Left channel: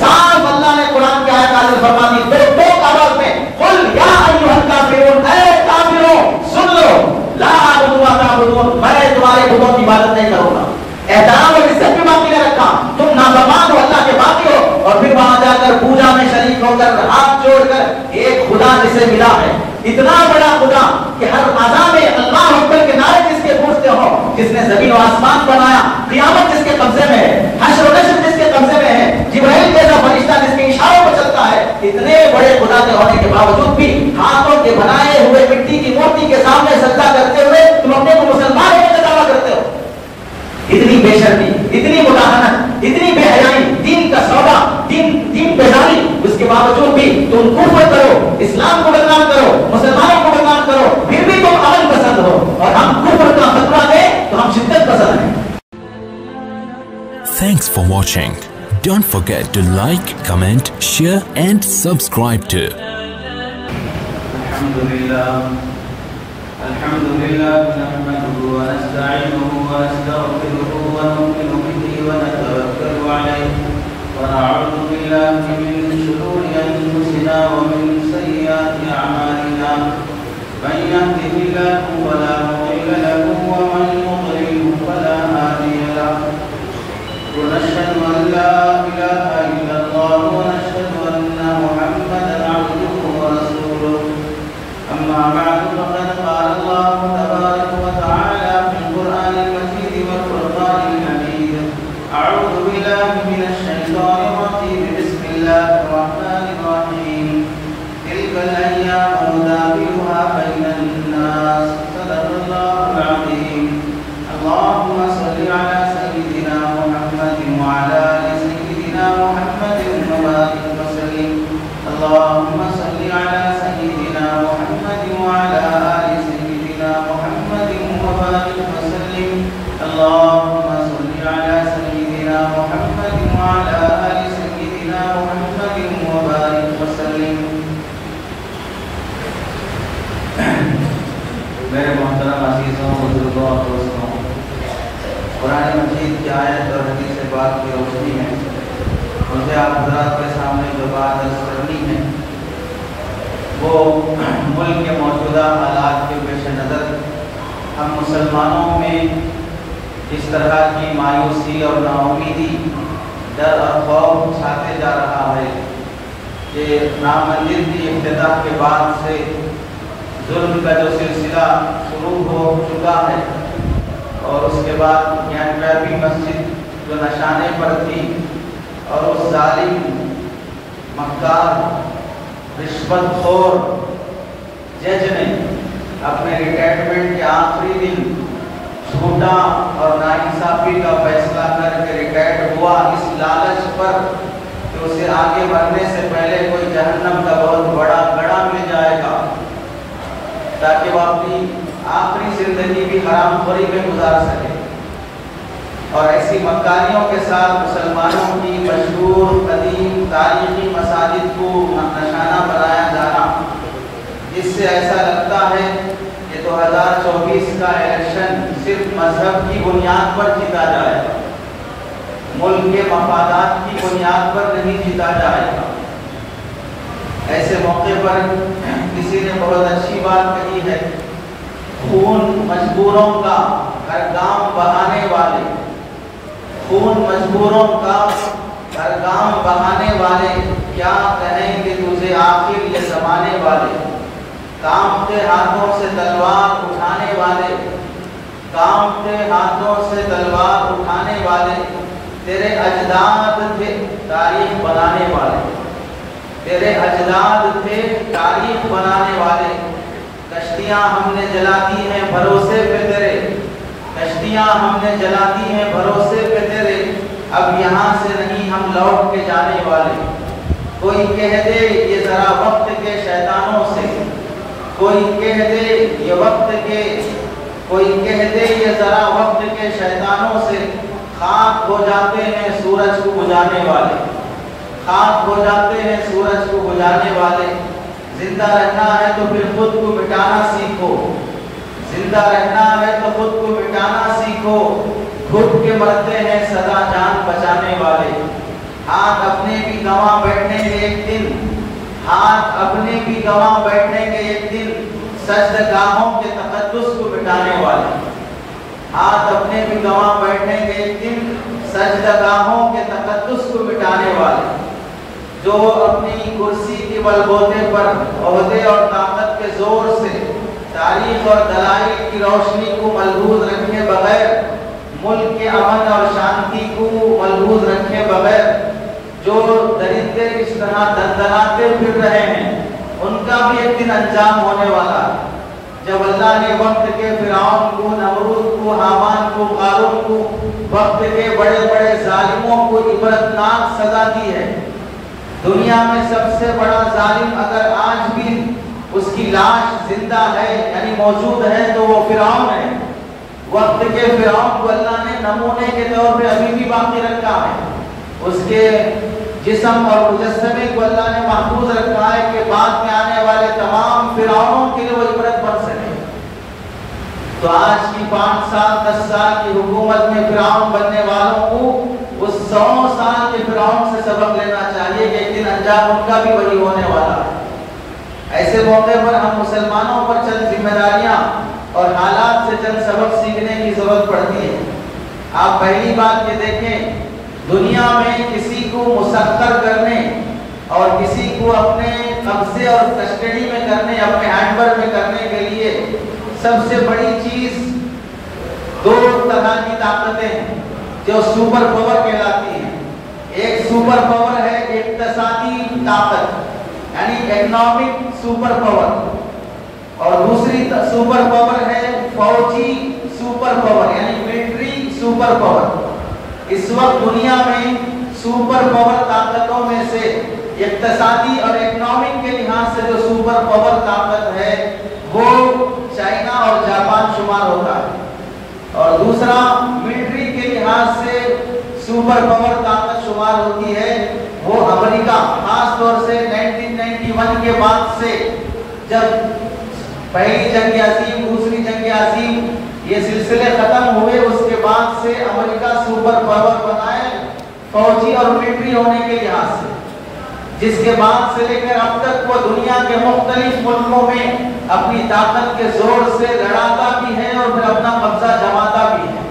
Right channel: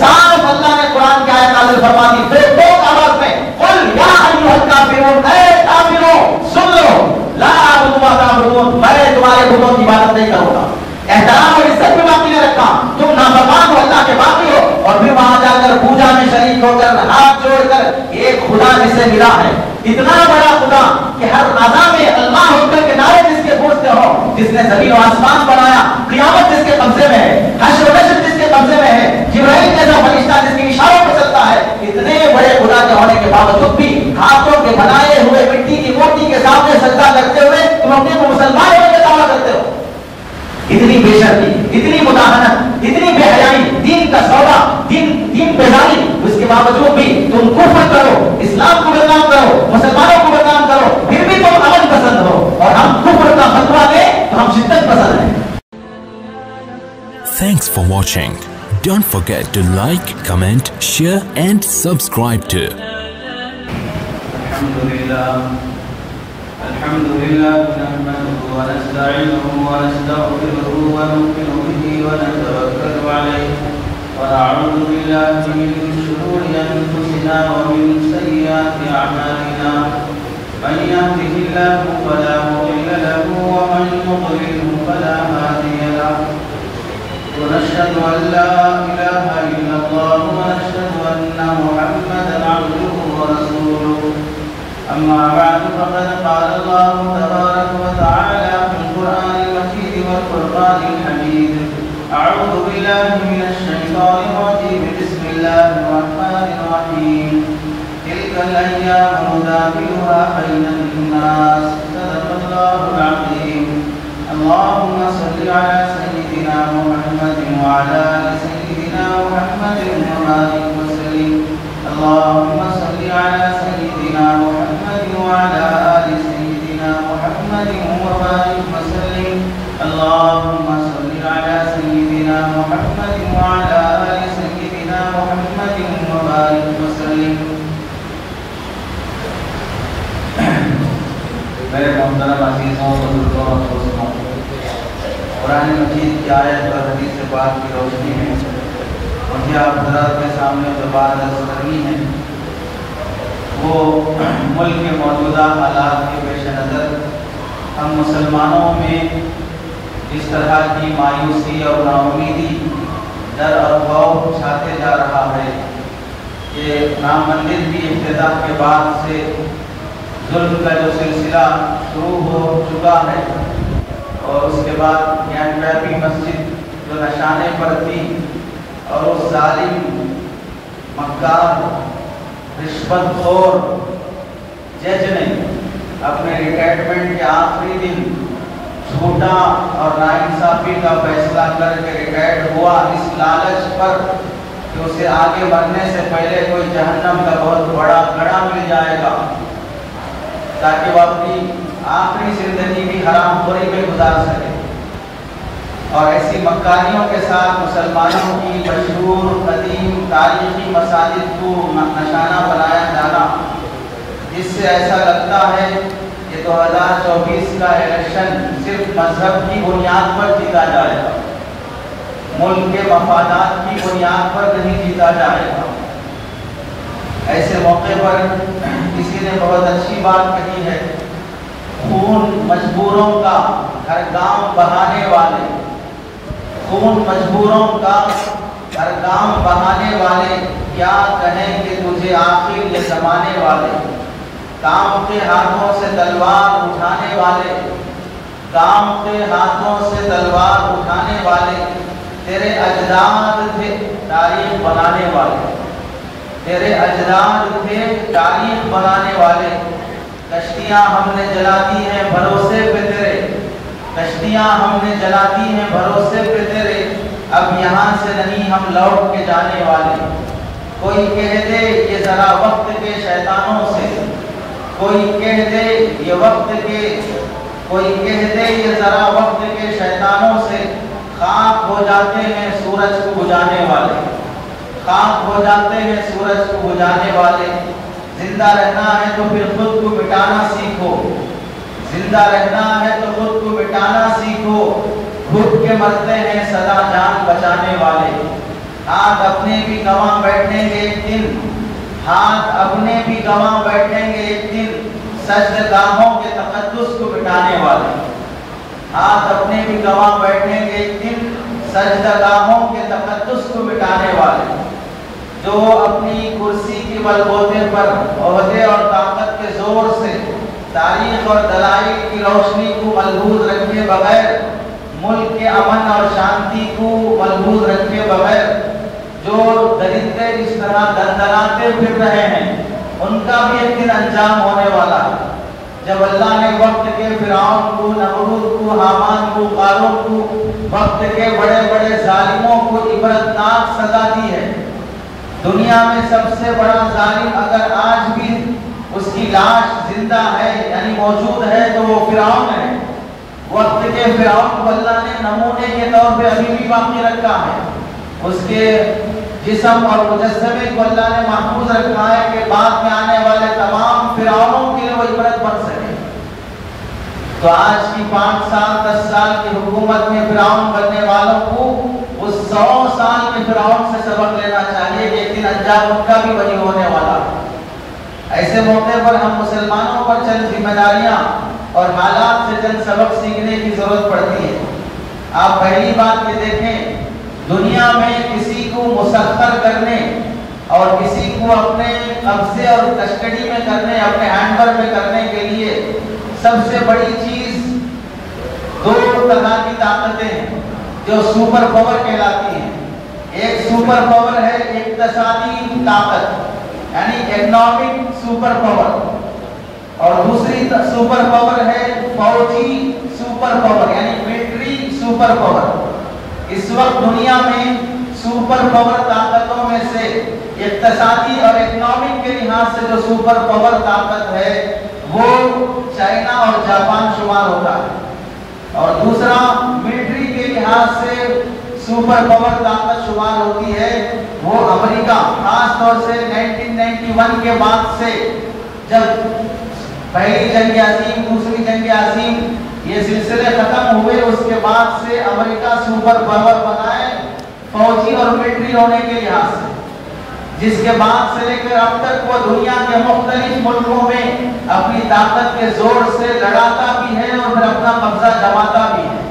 صاف اللہ نے قرآن کی آیت نازل فرما دی دو آواز میں، قل یا ایھا الکافرون، اے کافروں سن لو، لا اعبد ما تعبدون، میں تمہارے بتوں کی عبادت نہیں کروں گا، احترام اور عزت بھی باقی نہیں رکھا، تم نافرمان ہو، اللہ کے باقی ہو، اور پھر وہاں جا کر پوجا میں شریک ہو کر ہاتھ جوڑ کر ایک خدا جسے ملا ہے، اتنا بڑا خدا کہ ہر اذان میں اللہ اکبر کے نعرے جس کے گونجتے ہوں، جس نے زمین و آسمان بنایا، قیامت جس کے قبضے میں ہے، حشر و نشر جس کے قبضے میں ہے، جبرائیل جیسا فرشتہ جس کے اشاروں پر چلتا ہے، اتنے بڑے خدا کے ہونے کے باوجود بھی ہاتھوں کے بنائے ہوئے مٹی کی مورتی کے سامنے سجدہ کرتے ہوئے تم اپنے کو مسلمان ہونے کا دعویٰ کرتے ہو۔ اتنی بے شرمی، اتنی مداہنت، اتنی بے حیائی، دین کا سودا، دین بیداری، اس کے باوجود بھی تم کفر کرو، اسلام کو بدنام کرو، مسلمانوں کو بدنام کرو، پھر بھی تم امن پسند ہو، اور ہم کفر کا فتویٰ دیں تو ہم شدت پسند ہیں۔ Thanks for watching. Don't forget to like, comment, share and subscribe to الحمد لله نحمده ونستعينه ونستغفره ونؤمن به ونتوكل عليه ونعوذ بالله من شرور أنفسنا ومن سيئات أعمالنا من يهده الله فلا مضل له ومن يضلل فلا هادي له ونشهد أن لا إله إلا الله ونشهد أن محمدا عبده ورسوله أما بعد فقد قال الله تبارك وتعالى في القرآن المجيد والفرقان الحميد أعوذ بالله من الشيطان الرجيم بسم الله الرحمن الرحيم تلك الأيام نداولها بين الناس صدق الله العظيم اللهم صل على سيدنا محمد وعلى آل سيدنا محمد وبارك وسلم اللهم صل على سيدنا محمد وعلى آل سيدنا محمد وبارك وسلم اللهم صل على سيدنا محمد وعلى آل سيدنا محمد وبارك وسلم۔ میرے محترم عزیزوں، بزرگوں اور دوستوں، قرآن مجید کی آیت پر حدیث پاک کی روشنی میں مجھے آپ حضرات کے سامنے جو بات عرض کرنی ہے وہ ملک کے موجودہ حالات کے پیش نظر ہم مسلمانوں میں اس طرح کی مایوسی اور ناامیدی، ڈر اور خوف چھاتے جا رہا ہے کہ رام مندر کی افتتاح کے بعد سے ظلم کا جو سلسلہ شروع ہو چکا ہے، اور اس کے بعد گیان مسجد جو نشانے پر تھی اور اس ظالم مختار رشوت خور جج نے اپنے ریٹائرمنٹ کے آخری دن جھوٹا اور ناانصافی کا فیصلہ کر کے ریٹائر ہوا، اس لالچ پر کہ اسے آگے بڑھنے سے پہلے کوئی جہنم کا بہت بڑا گڑھا مل جائے گا تاکہ وہ اپنی آخری زندگی بھی حرام خوری میں گزار سکے۔ اور ایسی مکاریوں کے ساتھ مسلمانوں کی مشہور قدیم تاریخی مساجد کو نشانہ بنایا جانا، جس سے ایسا لگتا ہے کہ 2024 کا الیکشن صرف مذہب کی بنیاد پر جیتا جائے گا، ملک کے مفادات کی بنیاد پر نہیں جیتا جائے گا۔ ایسے موقع پر کسی نے بہت اچھی بات کہی ہے، خون مجبوروں کا ہر گام بہانے والے، خون مجبوروں کا ہر گام بہانے والے، کیا کہیں کہ تجھے آخر یہ زمانے والے، کام کے ہاتھوں سے تلوار اٹھانے والے، کام کے ہاتھوں سے تلوار اٹھانے والے، تیرے اجداد تھے تاریخ بنانے والے، تیرے اجداد تھے تاریخ بنانے والے۔ کشتیاں ہم نے جلا دی ہیں بھروسے پہ تیرے، کشتیاں ہم نے جلا دی ہیں بھروسے پہ تیرے، اب یہاں سے نہیں ہم لوٹ کے جانے والے۔ کوئی کہہ دے یہ ذرا وقت کے شیطانوں سے، کوئی کہہ دے یہ وقت کے، کوئی کہہ دے یہ ذرا وقت کے شیطانوں سے، خاک ہو جاتے ہیں سورج کو بجھانے والے، خاک ہو جاتے ہیں سورج کو بجھانے والے۔ زندہ رہنا ہے تو پھر خود کو مٹانا سیکھو، زندہ رہنا ہے تو خود کو مٹانا سیکھو، خود کے مرتے ہیں سدا جان بچانے والے، ہاتھ اپنے بھی گواں بیٹھیں گے ایک دن، ہاتھ اپنے بھی گواں بیٹھیں گے ایک دن، سجدگاہوں کے تقدس کو مٹانے والے، ہاتھ اپنے بھی گواں بیٹھیں گے ایک دن، سجدگاہوں کے تقدس کو مٹانے والے، جو اپنی کرسی کے بلبوتے پر عہدے اور طاقت کے زور سے تاریخ اور دلائل کی روشنی کو ملحوظ رکھے بغیر، ملک کے امن اور شانتی کو ملحوظ رکھے بغیر جو درندے اس طرح دندناتے پھر رہے ہیں، ان کا بھی ایک دن انجام ہونے والا ہے۔ جب اللہ نے وقت کے فرعون کو، نمرود کو، حامان کو، قارون کو، وقت کے بڑے بڑے ظالموں کو عبرتناک سزا دی ہے۔ دنیا میں سب سے بڑا ظالم اگر آج بھی اس کی لاش زندہ ہے یعنی موجود ہے تو وہ فرعون ہے۔ وقت کے فرعون کو اللہ نے نمونے کے طور پہ ابھی بھی باقی رکھا ہے، اس کے جسم اور مجسمے کو اللہ نے محفوظ رکھا ہے کہ بعد میں آنے والے تمام فرعونوں کے لیے وہ عبرت بن سکے۔ تو آج کی 5 سال 10 سال کی حکومت میں فرعون بننے والوں کو اس 100 سال کے فرعون سے سبق لینا چاہیے کہ ایک دن انجام ان کا بھی وہی ہونے والا ہے۔ ایسے موقع پر ہم مسلمانوں پر چند ذمہ داریاں اور حالات سے چند سبق سیکھنے کی ضرورت پڑتی ہے۔ آپ پہلی بات یہ دیکھیں، دنیا میں کسی کو مسخر کرنے اور کسی کو اپنے قبضے اور کسٹڈی میں کرنے، اپنے ہینڈ میں کرنے کے لیے سب سے بڑی چیز 2 طرح کی طاقتیں ہیں جو سپر پاور کہلاتی ہیں۔ ایک سپر پاور ہے اقتصادی طاقت یعنی اکنامک سپر پاور، اور دوسری سپر پاور ہے فوجی سپر پاور یعنی ملٹری سپر پاور۔ اس وقت دنیا میں سپر پاور طاقتوں میں سے اقتصادی اور اکنامک کے لحاظ سے جو سپر پاور طاقت ہے وہ چائنا اور جاپان شمار ہوتا ہے، اور دوسرا ملٹری کے لحاظ سے سپر پاور طاقت شمار ہوتی ہے وہ امریکہ۔ خاص طور سے 1991 کے بعد سے جب پہلی جنگ عظیم، دوسری جنگ عظیم یہ سلسلے ختم ہوئے، اس کے بعد سے امریکہ سپر پاور بنا ہے فوجی اور ملٹری ہونے کے لحاظ سے، جس کے بعد سے لے کر اب تک وہ دنیا کے مختلف ملکوں میں اپنی طاقت کے زور سے لڑاتا بھی ہے اور پھر اپنا قبضہ جماتا بھی ہے۔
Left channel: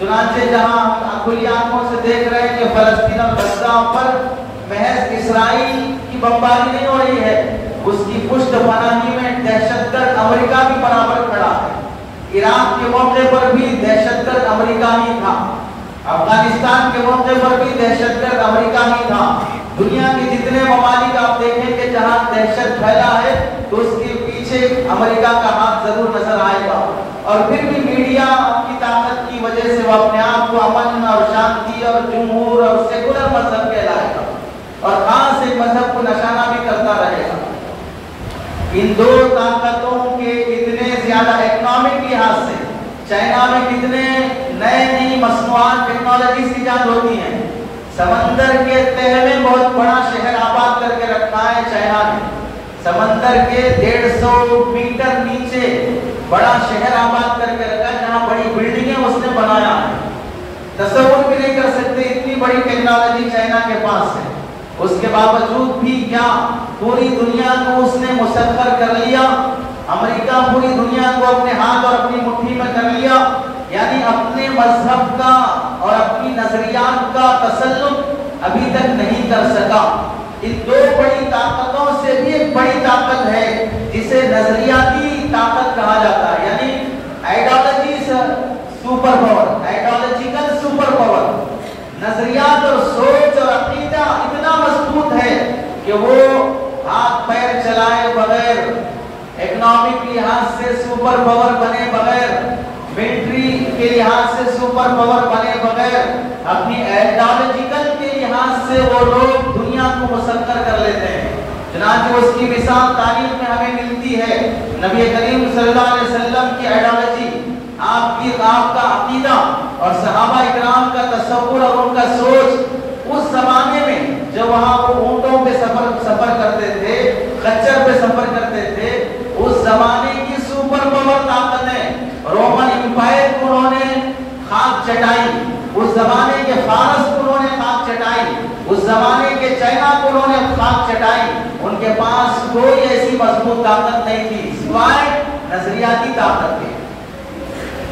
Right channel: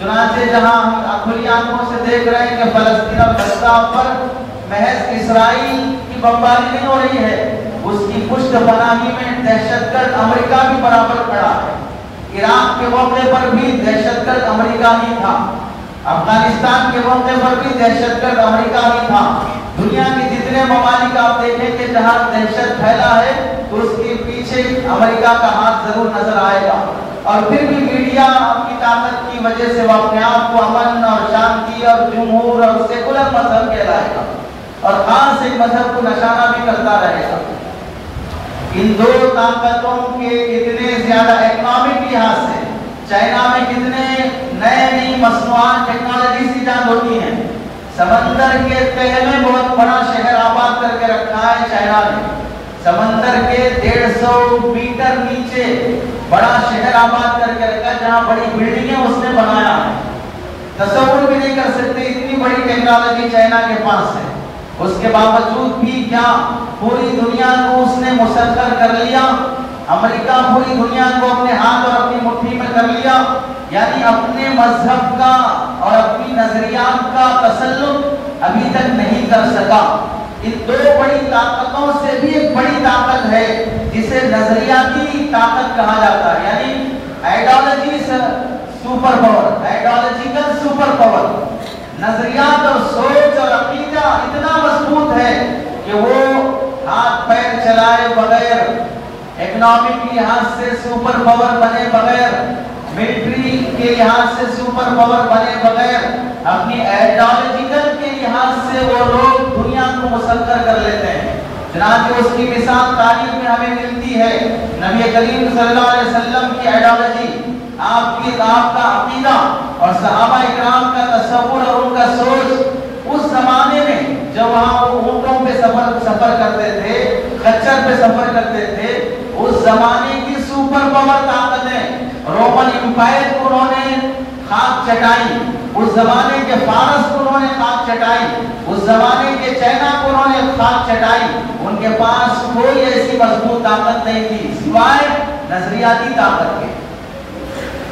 چنانچہ جہاں ہم کھلی آنکھوں سے دیکھ رہے ہیں کہ فلسطین اور غزہ پر محض اسرائیل کی بمباری نہیں ہو رہی ہے، اس کی پشت پناہی میں دہشت گرد امریکہ بھی برابر کھڑا ہے۔ عراق کے موقع پر بھی دہشت گرد امریکہ ہی تھا، افغانستان کے موقع پر بھی دہشت گرد امریکہ ہی تھا۔ دنیا کے جتنے ممالک آپ دیکھیں کہ جہاں دہشت پھیلا ہے تو اس کے پیچھے امریکہ کا ہاتھ ضرور نظر آئے گا، اور پھر بھی میڈیا کی طاقت کی وجہ سے وہ اپنے آپ کو امن اور شانتی اور جمہور اور سیکولر مذہب کہلائے گا اور خاص ایک مذہب کو نشانہ بھی کرتا رہے گا۔ ان 2 طاقتوں کے اتنے زیادہ اکنامک لحاظ سے چائنا میں کتنے نئی مصنوعات ٹیکنالوجیز ایجاد ہوتی ہیں۔ سمندر کے تہہ میں بہت بڑا شہر آباد کر کے رکھا ہے چائنا نے، سمندر کے 150 میٹر نیچے بڑا شہر آباد کر کے رکھا، جہاں بڑی بلڈنگیں اس نے بنایا ہے۔ تصور بھی نہیں کر سکتے اتنی بڑی ٹیکنالوجی چائنا کے پاس ہے، اس کے باوجود بھی کیا پوری دنیا کو اس نے مسخر کر لیا۔ امریکہ پوری دنیا کو اپنے ہاتھ اور اپنی مٹھی میں کر لیا، یعنی اپنے مذہب کا اور اپنی نظریات کا تسلط ابھی تک نہیں کر سکا۔ ان 2 بڑی طاقتوں سے بھی ایک بڑی طاقت ہے جسے نظریاتی طاقت کہا جاتا ہے، یعنی ideology super power, ideological super power. نظریات اور سوچ اور عقیدہ اتنا مضبوط ہے کہ وہ ہاتھ پیر چلائے بغیر، اکنامک لحاظ سے سپر پاور بنے بغیر، ملٹری کے لحاظ سے سپر پاور بنے بغیر، اپنی آئیڈیالوجیکل کے لحاظ سے وہ لوگ دنیا کو مسخر کر لیتے ہیں۔ چنانچہ اس کی مثال تاریخ میں ہمیں ملتی ہے۔ نبی کریم صلی اللہ علیہ وسلم کی آئیڈیالوجی، آپ کا عقیدہ اور صحابہ اکرام کا تصور اور ان کا سوچ اس زمانے میں جب وہاں وہ اونٹوں پہ سفر کرتے تھے، خچر پہ سفر کرتے تھے، اس زمانے کی سپر پاور طاقتیں رومن امپائر کو انہوں نے خاک چٹائی، اس زمانے کے فارس کو انہوں نے خاک چٹائی، اس زمانے کے چائنا کو انہوں نے خاک چٹائی، ان کے پاس کوئی ایسی مضبوط طاقت نہیں تھی سوائے نظریاتی طاقت کے۔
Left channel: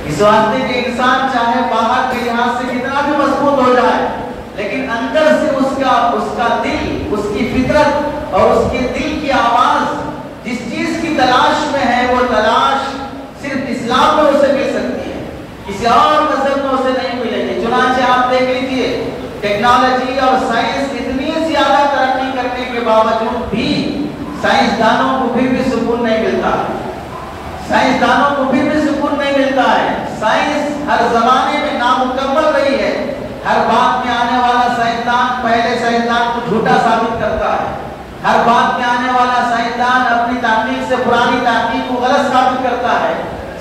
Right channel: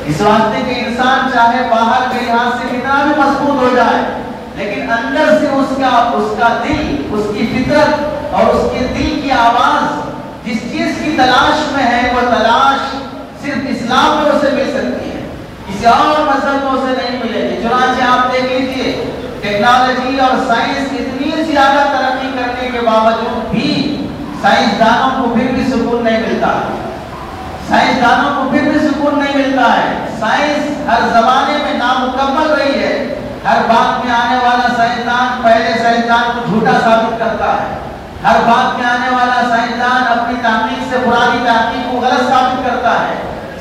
اس واسطے کہ انسان چاہے باہر کے لحاظ سے کتنا بھی مضبوط ہو جائے، لیکن اندر سے اس کا دل، اس کی فطرت اور اس کے دل کی آواز جس چیز کی تلاش میں ہے، وہ تلاش صرف اسلام میں اسے مل سکتی ہے، کسی اور مذہب میں اسے نہیں ملے گی۔ چنانچہ آپ دیکھ لیجیے، ٹیکنالوجی اور سائنس اتنی زیادہ ترقی کرنے کے باوجود بھی سائنسدانوں کو پھر بھی سکون نہیں ملتا ہے، سائنسدانوں کو پھر بھی سکون نہیں ملتا ہے۔ سائنس ہر زمانے میں نامکمل رہی ہے، ہر بات میں آنے والا سائنسدان پہلے سائنسدان کو جھوٹا ثابت کرتا ہے، ہر بات میں آنے والا سائنسدان اپنی تحقیق سے پرانی تحقیق کو غلط ثابت کرتا ہے۔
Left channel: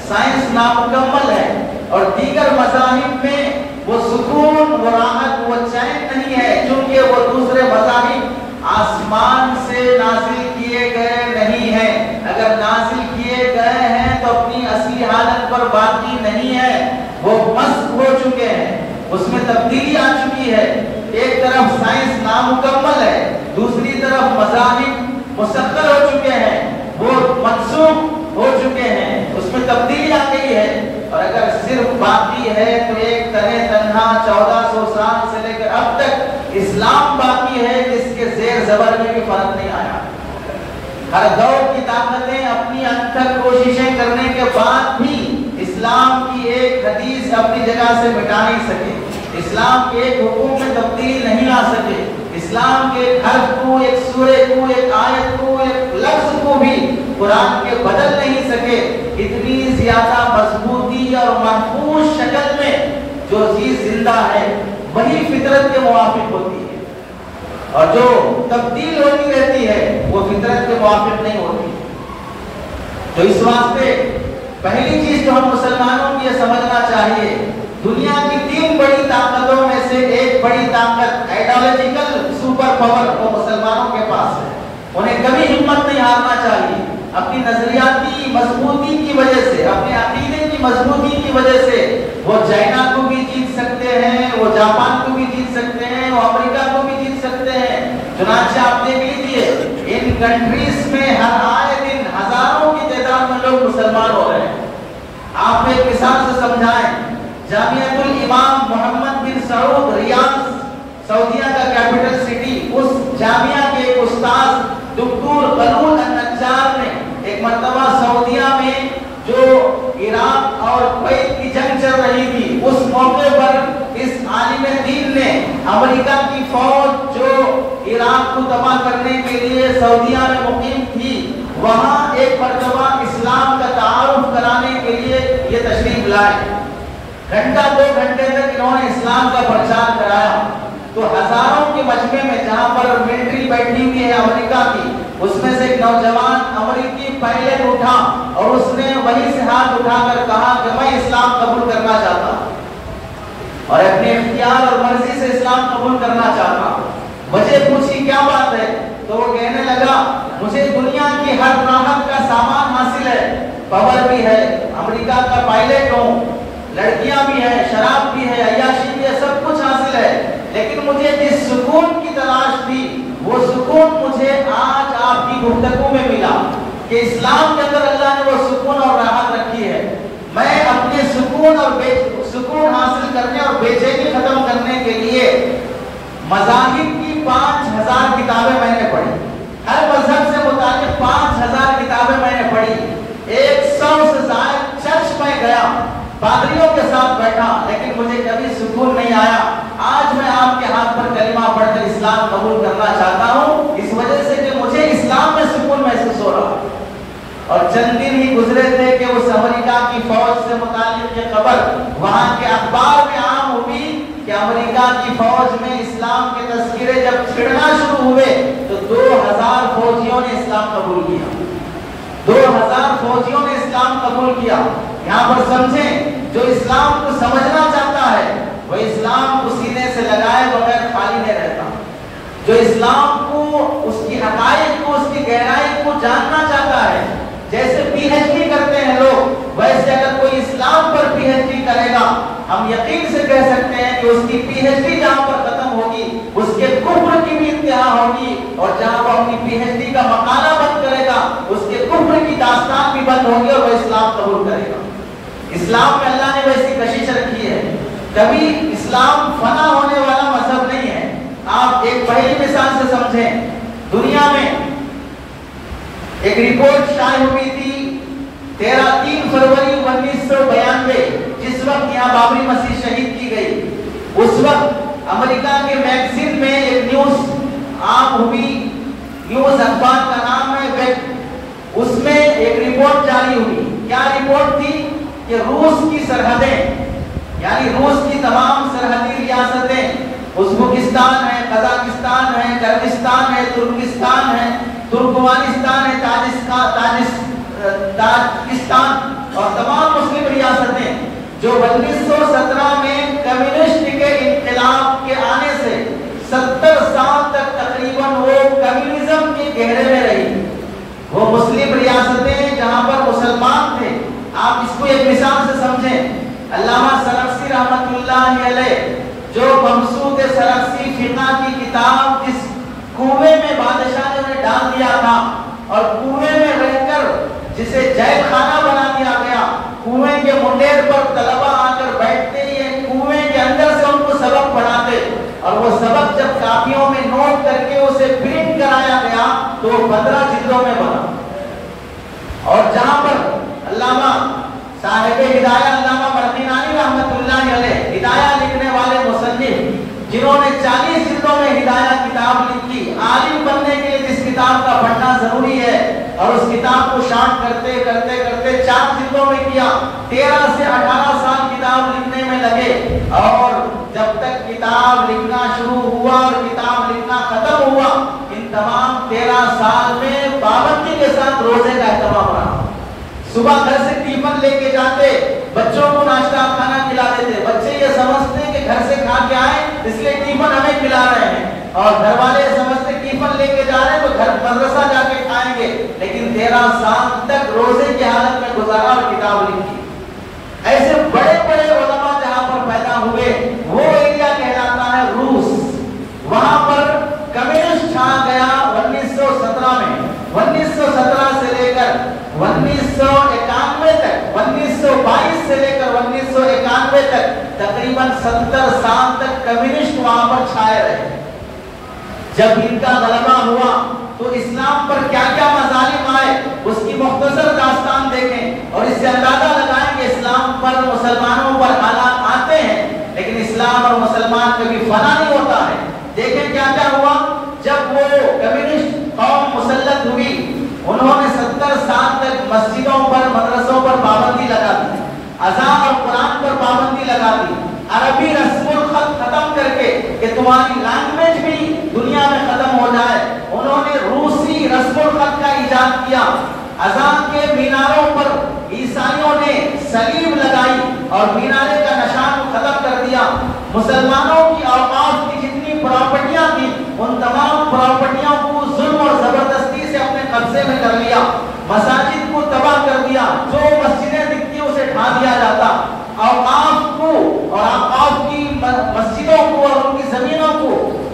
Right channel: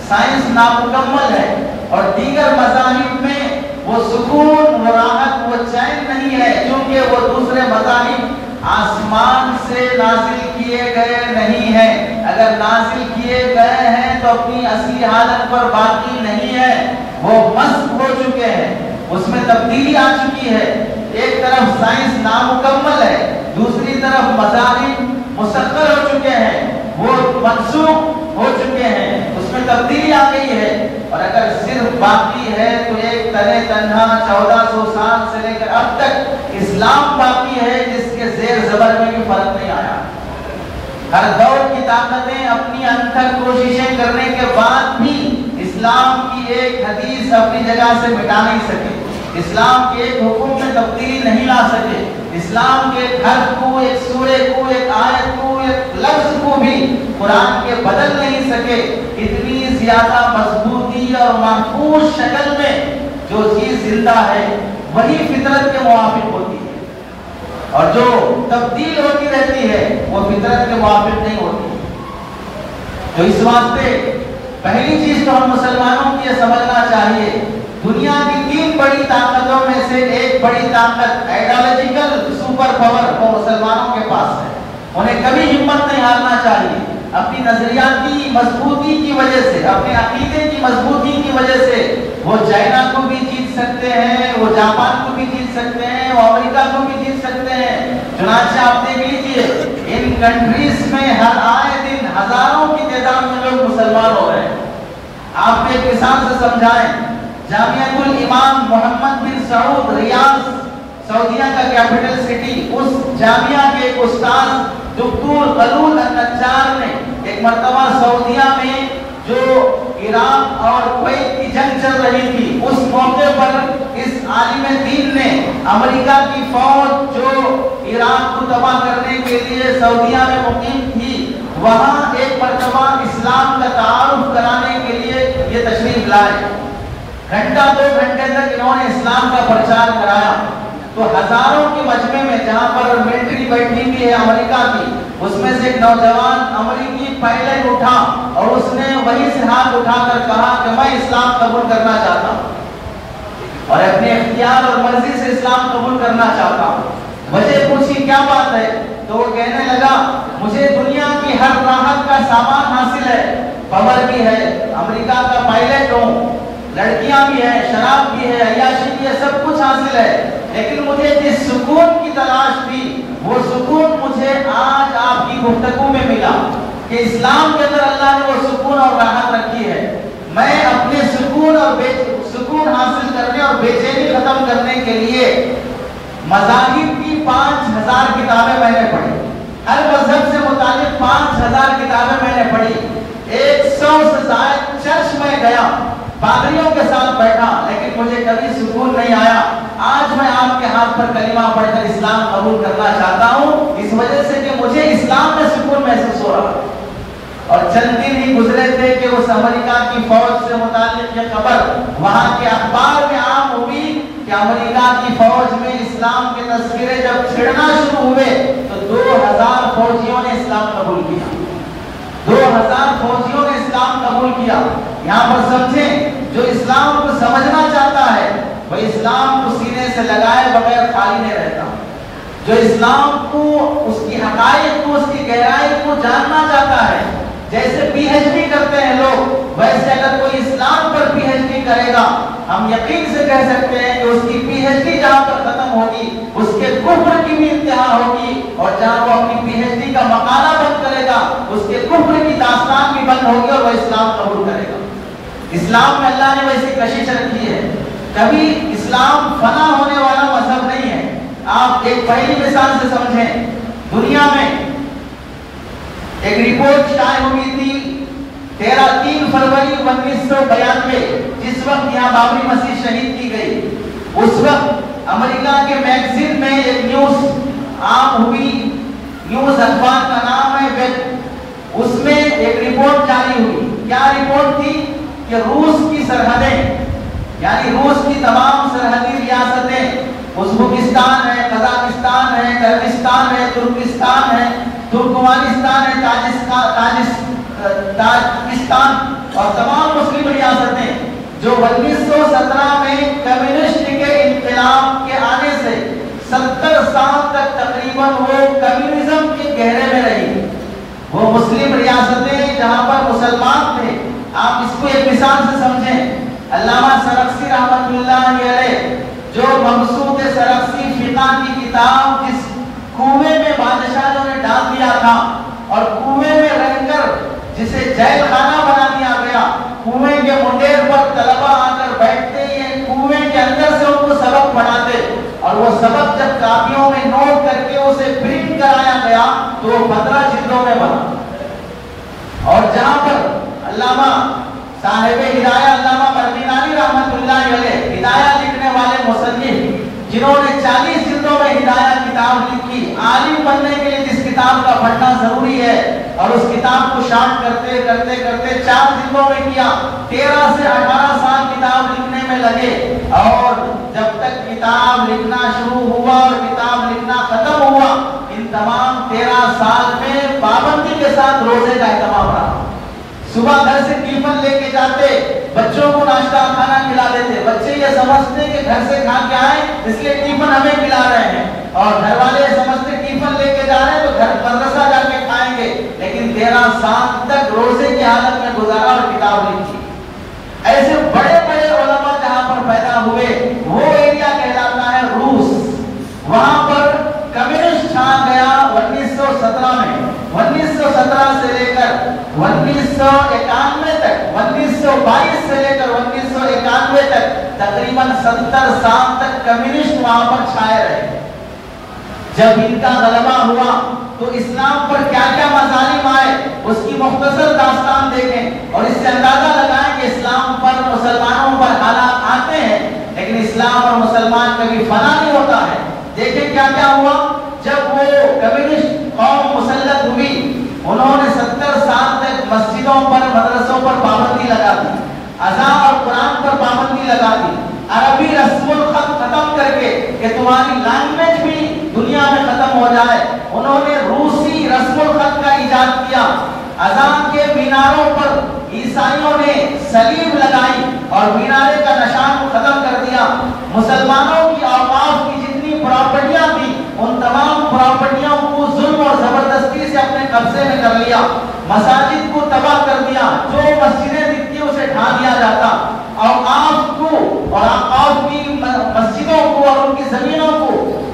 سائنس نامکمل ہے اور دیگر مذاہب میں وہ سکون، وہ راحت، وہ چین نہیں ہے، کیونکہ وہ دوسرے مذاہب آسمان سے نازل کیے گئے نہیں ہیں۔ اگر نازل کیے گئے ہیں تو اپنی اصلی حالت پر باقی نہیں ہے، وہ مسخ ہو چکے ہیں، اس میں تبدیلی آ چکی ہے۔ ایک طرف سائنس نامکمل ہے، دوسری طرف مذاہب مسخر ہو چکے ہیں، وہ منسوخ ہو چکے ہیں، اس میں تبدیلی آ گئی ہے۔ اور اگر صرف باقی ہے تو ایک تنہ تنہا 1400 سال سے لے کر اب تک اسلام باقی ہے، جس کے زیر زبر میں بھی فرق نہیں آیا۔ ہر دور کی طاقتیں اپنی انتھک کوششیں کرنے کے بعد بھی اسلام کی ایک حدیث اپنی جگہ سے مٹا نہیں سکے، اسلام کے ایک حکم میں تبدیلی نہیں لا سکے، اسلام کے ایک حرف کو، ایک سورے کو، ایک آیت کو، ایک لفظ کو بھی قرآن کے بدل نہیں سکے۔ اتنی زیادہ مضبوطی اور محفوظ شکل میں جو چیز زندہ ہے وہی فطرت کے موافق ہوتی ہے، اور جو تبدیل ہوتی رہتی ہے وہ فطرت کے موافق نہیں ہوتی۔ تو اس واسطے پہلی چیز تو ہم مسلمانوں کی یہ سمجھنا چاہیے، دنیا کی 3 بڑی طاقتوں میں سے ایک بڑی طاقت آئیڈیالوجیکل سپر پاور وہ مسلمانوں کے پاس ہے، انہیں کبھی ہمت نہیں ہارنا چاہیے۔ اپنی نظریاتی مضبوطی کی وجہ سے، اپنے عقیدے کی مضبوطی کی وجہ سے وہ چائنا کو بھی جیت سکتے ہیں، وہ جاپان کو بھی جیت سکتے ہیں، وہ امریکہ کو بھی جیت سکتے ہیں۔ چنانچہ آپ دیکھ لیجیے، ان کنٹریز میں ہر آئے دن ہزاروں کی تعداد میں لوگ مسلمان ہو رہے ہیں۔ آپ ایک مثال سے سمجھائیں، جامعہ الامام محمد بن سعود ریاض سعودیہ کا کیپٹل سٹی، اس جامعہ کے ایک استاد دکتور خلود النجار نے ایک مرتبہ سعودیہ میں جو عراق اور کویت کی جنگ چل رہی تھی، اس موقع پر اس عالم دین نے امریکہ کی فوج جو عراق کو تباہ کرنے کے لیے سعودیہ میں مقیم تھی، وہاں ایک مرتبہ اسلام کا تعارف کرانے کے لیے یہ تشریف لائے۔ گھنٹہ 2 گھنٹے تک انہوں نے اسلام کا پرچار کرایا، تو ہزاروں کے مجمع میں جہاں پر ملٹری بیٹھی ہوئی ہے امریکہ کی، اس میں سے ایک نوجوان امریکی پائلٹ اٹھا اور اس نے وہیں سے ہاتھ اٹھا کر کہا کہ میں اسلام قبول کرنا چاہتا ہوں اور اپنے اختیار اور مرضی سے اسلام قبول کرنا چاہتا ہوں۔ وجہ پوچھی کیا بات ہے، تو وہ کہنے لگا مجھے دنیا کی ہر راحت کا سامان حاصل ہے، پاور بھی ہے، امریکہ کا پائلٹ ہوں، لڑکیاں بھی ہیں، شراب بھی ہے، عیاشی بھی ہے، سب کچھ حاصل ہے، لیکن مجھے جس سکون کی تلاش تھی وہ سکون مجھے آج آپ کی گفتگو میں ملا کہ اسلام کے اندر اللہ نے وہ سکون اور راحت رکھی ہے۔ میں اپنے سکون حاصل کرنے اور بے چینی ختم کرنے کے لیے مذاہب کی 5000 کتابیں میں نے پڑھی، ہر مذہب سے متعلق 5000 کتابیں میں نے پڑھی، 100 سے زائد چرچ میں گیا، پادریوں کے ساتھ بیٹھا، لیکن مجھے کبھی سکون نہیں آیا۔ آج میں آپ کے ہاتھ پر کلمہ پڑھ کر اسلام قبول کرنا چاہتا ہوں، اس وجہ سے کہ مجھے اسلام میں سکون محسوس ہو رہا ہے۔ اور چند دن ہی گزرے تھے کہ اس امریکہ کی فوج سے متعلق یہ خبر وہاں کے اخبار میں عام ہوئی کہ امریکہ کی فوج میں اسلام کے تذکرے جب چھڑنا شروع ہوئے تو 2000 فوجیوں نے اسلام قبول کیا، 2000 فوجیوں نے اسلام قبول کیا۔ یہاں پر سمجھیں، جو اسلام کو سمجھنا چاہتا ہے وہ اسلام کو سینے سے لگائے بغیر خالی نہیں رہتا، جو اسلام کو، اس کی حقائق کو، اس کی گہرائی کو جاننا چاہتا ہے، جیسے پی ایچ ڈی کرتے ہیں لوگ، ویسے اگر کوئی اسلام پر پی ایچ ڈی کرے گا، ہم یقین سے کہہ سکتے ہیں کہ اس کی پی ایچ ڈی جہاں پر ختم ہوگی اس کے کفر کی بھی انتہا ہوگی، اور جہاں وہ اپنی پی ایچ ڈی کا مقالہ بند کرے گا اس کے کفر کی داستان بھی بند ہوگی اور وہ اسلام قبول کرے گا۔ اسلام میں اللہ نے ویسی کشش رکھی ہے، کبھی اسلام فنا ہونے والا مذہب نہیں ہے۔ آپ ایک پہلی مثال سے سمجھیں، دنیا میں ایک رپورٹ شائع ہوئی تھی 3 فروری 1992، جس وقت یہاں بابری مسجد شہید کی گئی۔ اس وقت امریکہ کے میگزین میں ایک نیوز عام ہوئی، نیوز اخبار کا نام ہے ویب، اس میں ایک رپورٹ جاری ہوئی۔ کیا رپورٹ تھی کہ روس کی سرحدیں، یعنی روس کی تمام سرحدی ریاستیں، ازبکستان ہے، قزاقستان ہے، کرغزستان ہے، ترکستان ہے، ترکمانستان ہے، تاجکستان اور تمام مسلم ریاستیں جو 1917 میں کمیونسٹ کے انقلاب کے آنے سے 70 سال تک تقریباً وہ کمیونزم کے گہرے میں رہی، وہ مسلم ریاستیں جہاں پر مسلمان تھے۔ آپ اس کو ایک مثال سے سمجھیں، علامہ سرخسی رحمۃ اللہ علیہ جو ممسوک سرخسی فقہ کی کتاب جس کنویں میں بادشاہوں نے ڈال دیا تھا اور کنویں میں رہ کر جسے جیل خانہ بنا دیا گیا، کنویں کے منڈیر پر طلبہ آ کر بیٹھتے ہی کنویں کے اندر سے ان کو سبق پڑھاتے، اور وہ سبق جب کاپیوں میں نوٹ کر کے اسے پرنٹ کرایا گیا تو وہ 15 جلدوں میں بنا۔ اور جہاں پر علامہ صاحب ہدایہ علامہ مردینانی رحمۃ اللہ علیہ، ہدایہ لکھنے والے مصنف جنہوں نے 40 جلدوں میں ہدایہ کتاب لکھی، عالم بننے کے لیے جس کتاب کا پڑھنا ضروری ہے، اور اس کتاب کو شارٹ کرتے کرتے کرتے 4 جلدوں میں کیا، 13 سے 18 سال کتاب لکھنے میں لگے، اور جب تک کتاب لکھنا شروع ہوا اور کتاب لکھنا ختم ہوا، ان تمام 13 سال میں پابندی کے ساتھ روزے کا اہتمام رہا۔ صبح گھر سے ٹیفن لے کے جاتے، بچوں کو ناشتہ کھانا کھلا دیتے، بچے یہ سمجھتے کہ گھر سے کھا کے آئے اس لیے ٹیفن ہمیں کھلا رہے ہیں، اور گھر والے سمجھتے ٹیفن لے کے جا رہے ہیں تو گھر مدرسہ جا کے کھائیں گے، لیکن 13 سال تک روزے کی حالت میں گزارا اور کتاب لکھی۔ ایسے بڑے بڑے علماء جہاں پر پیدا ہوئے وہ ایریا کہلاتا ہے روس، وہاں پر کمیونسٹ چھا گیا 1917 میں۔ 1917 سے لے کر 1991 تک، 1922 سے لے کر 1991 تک تقریباً 70 سال تک کمیونسٹ وہاں پر چھائے رہے۔ جب ان کا غلبہ ہوا تو اسلام پر کیا کیا مظالم آئے اس کی مختصر داستان دیکھیں، اور اس سے اندازہ لگائیں کہ اسلام پر مسلمانوں پر حالات آتے ہیں لیکن اسلام اور مسلمان کبھی فنا نہیں ہوتا ہے۔ دیکھیں کیا کیا ہوا جب وہ کمیونسٹ قوم مسلط ہوئی، انہوں نے 70 سال تک مسجدوں پر مدرسوں پر پابندی لگا دی، اذان اور قرآن پر پابندی لگا دی، عربی رسم الخط ختم کر کے کہ تمہاری لینگویج بھی دنیا میں ختم ہو جائے، انہوں نے روسی رسم الخط کا ایجاد کیا۔ اذان کے میناروں پر عیسائیوں نے صلیب لگائی اور مینارے کا نشان ختم کر دیا۔ مسلمانوں کی اوقاف کی جتنی پراپرٹیاں تھیں ان تمام پراپرٹیوں کو ظلم اور زبردستی سے اپنے قبضے میں کر لیا، مساجد کو تباہ کر دیا، جو مسجدیں دکھتی اسے ڈھا دیا جاتا، اوقاف کو اور اوقاف کی مسجدوں کو اور ان کی زمینوں کو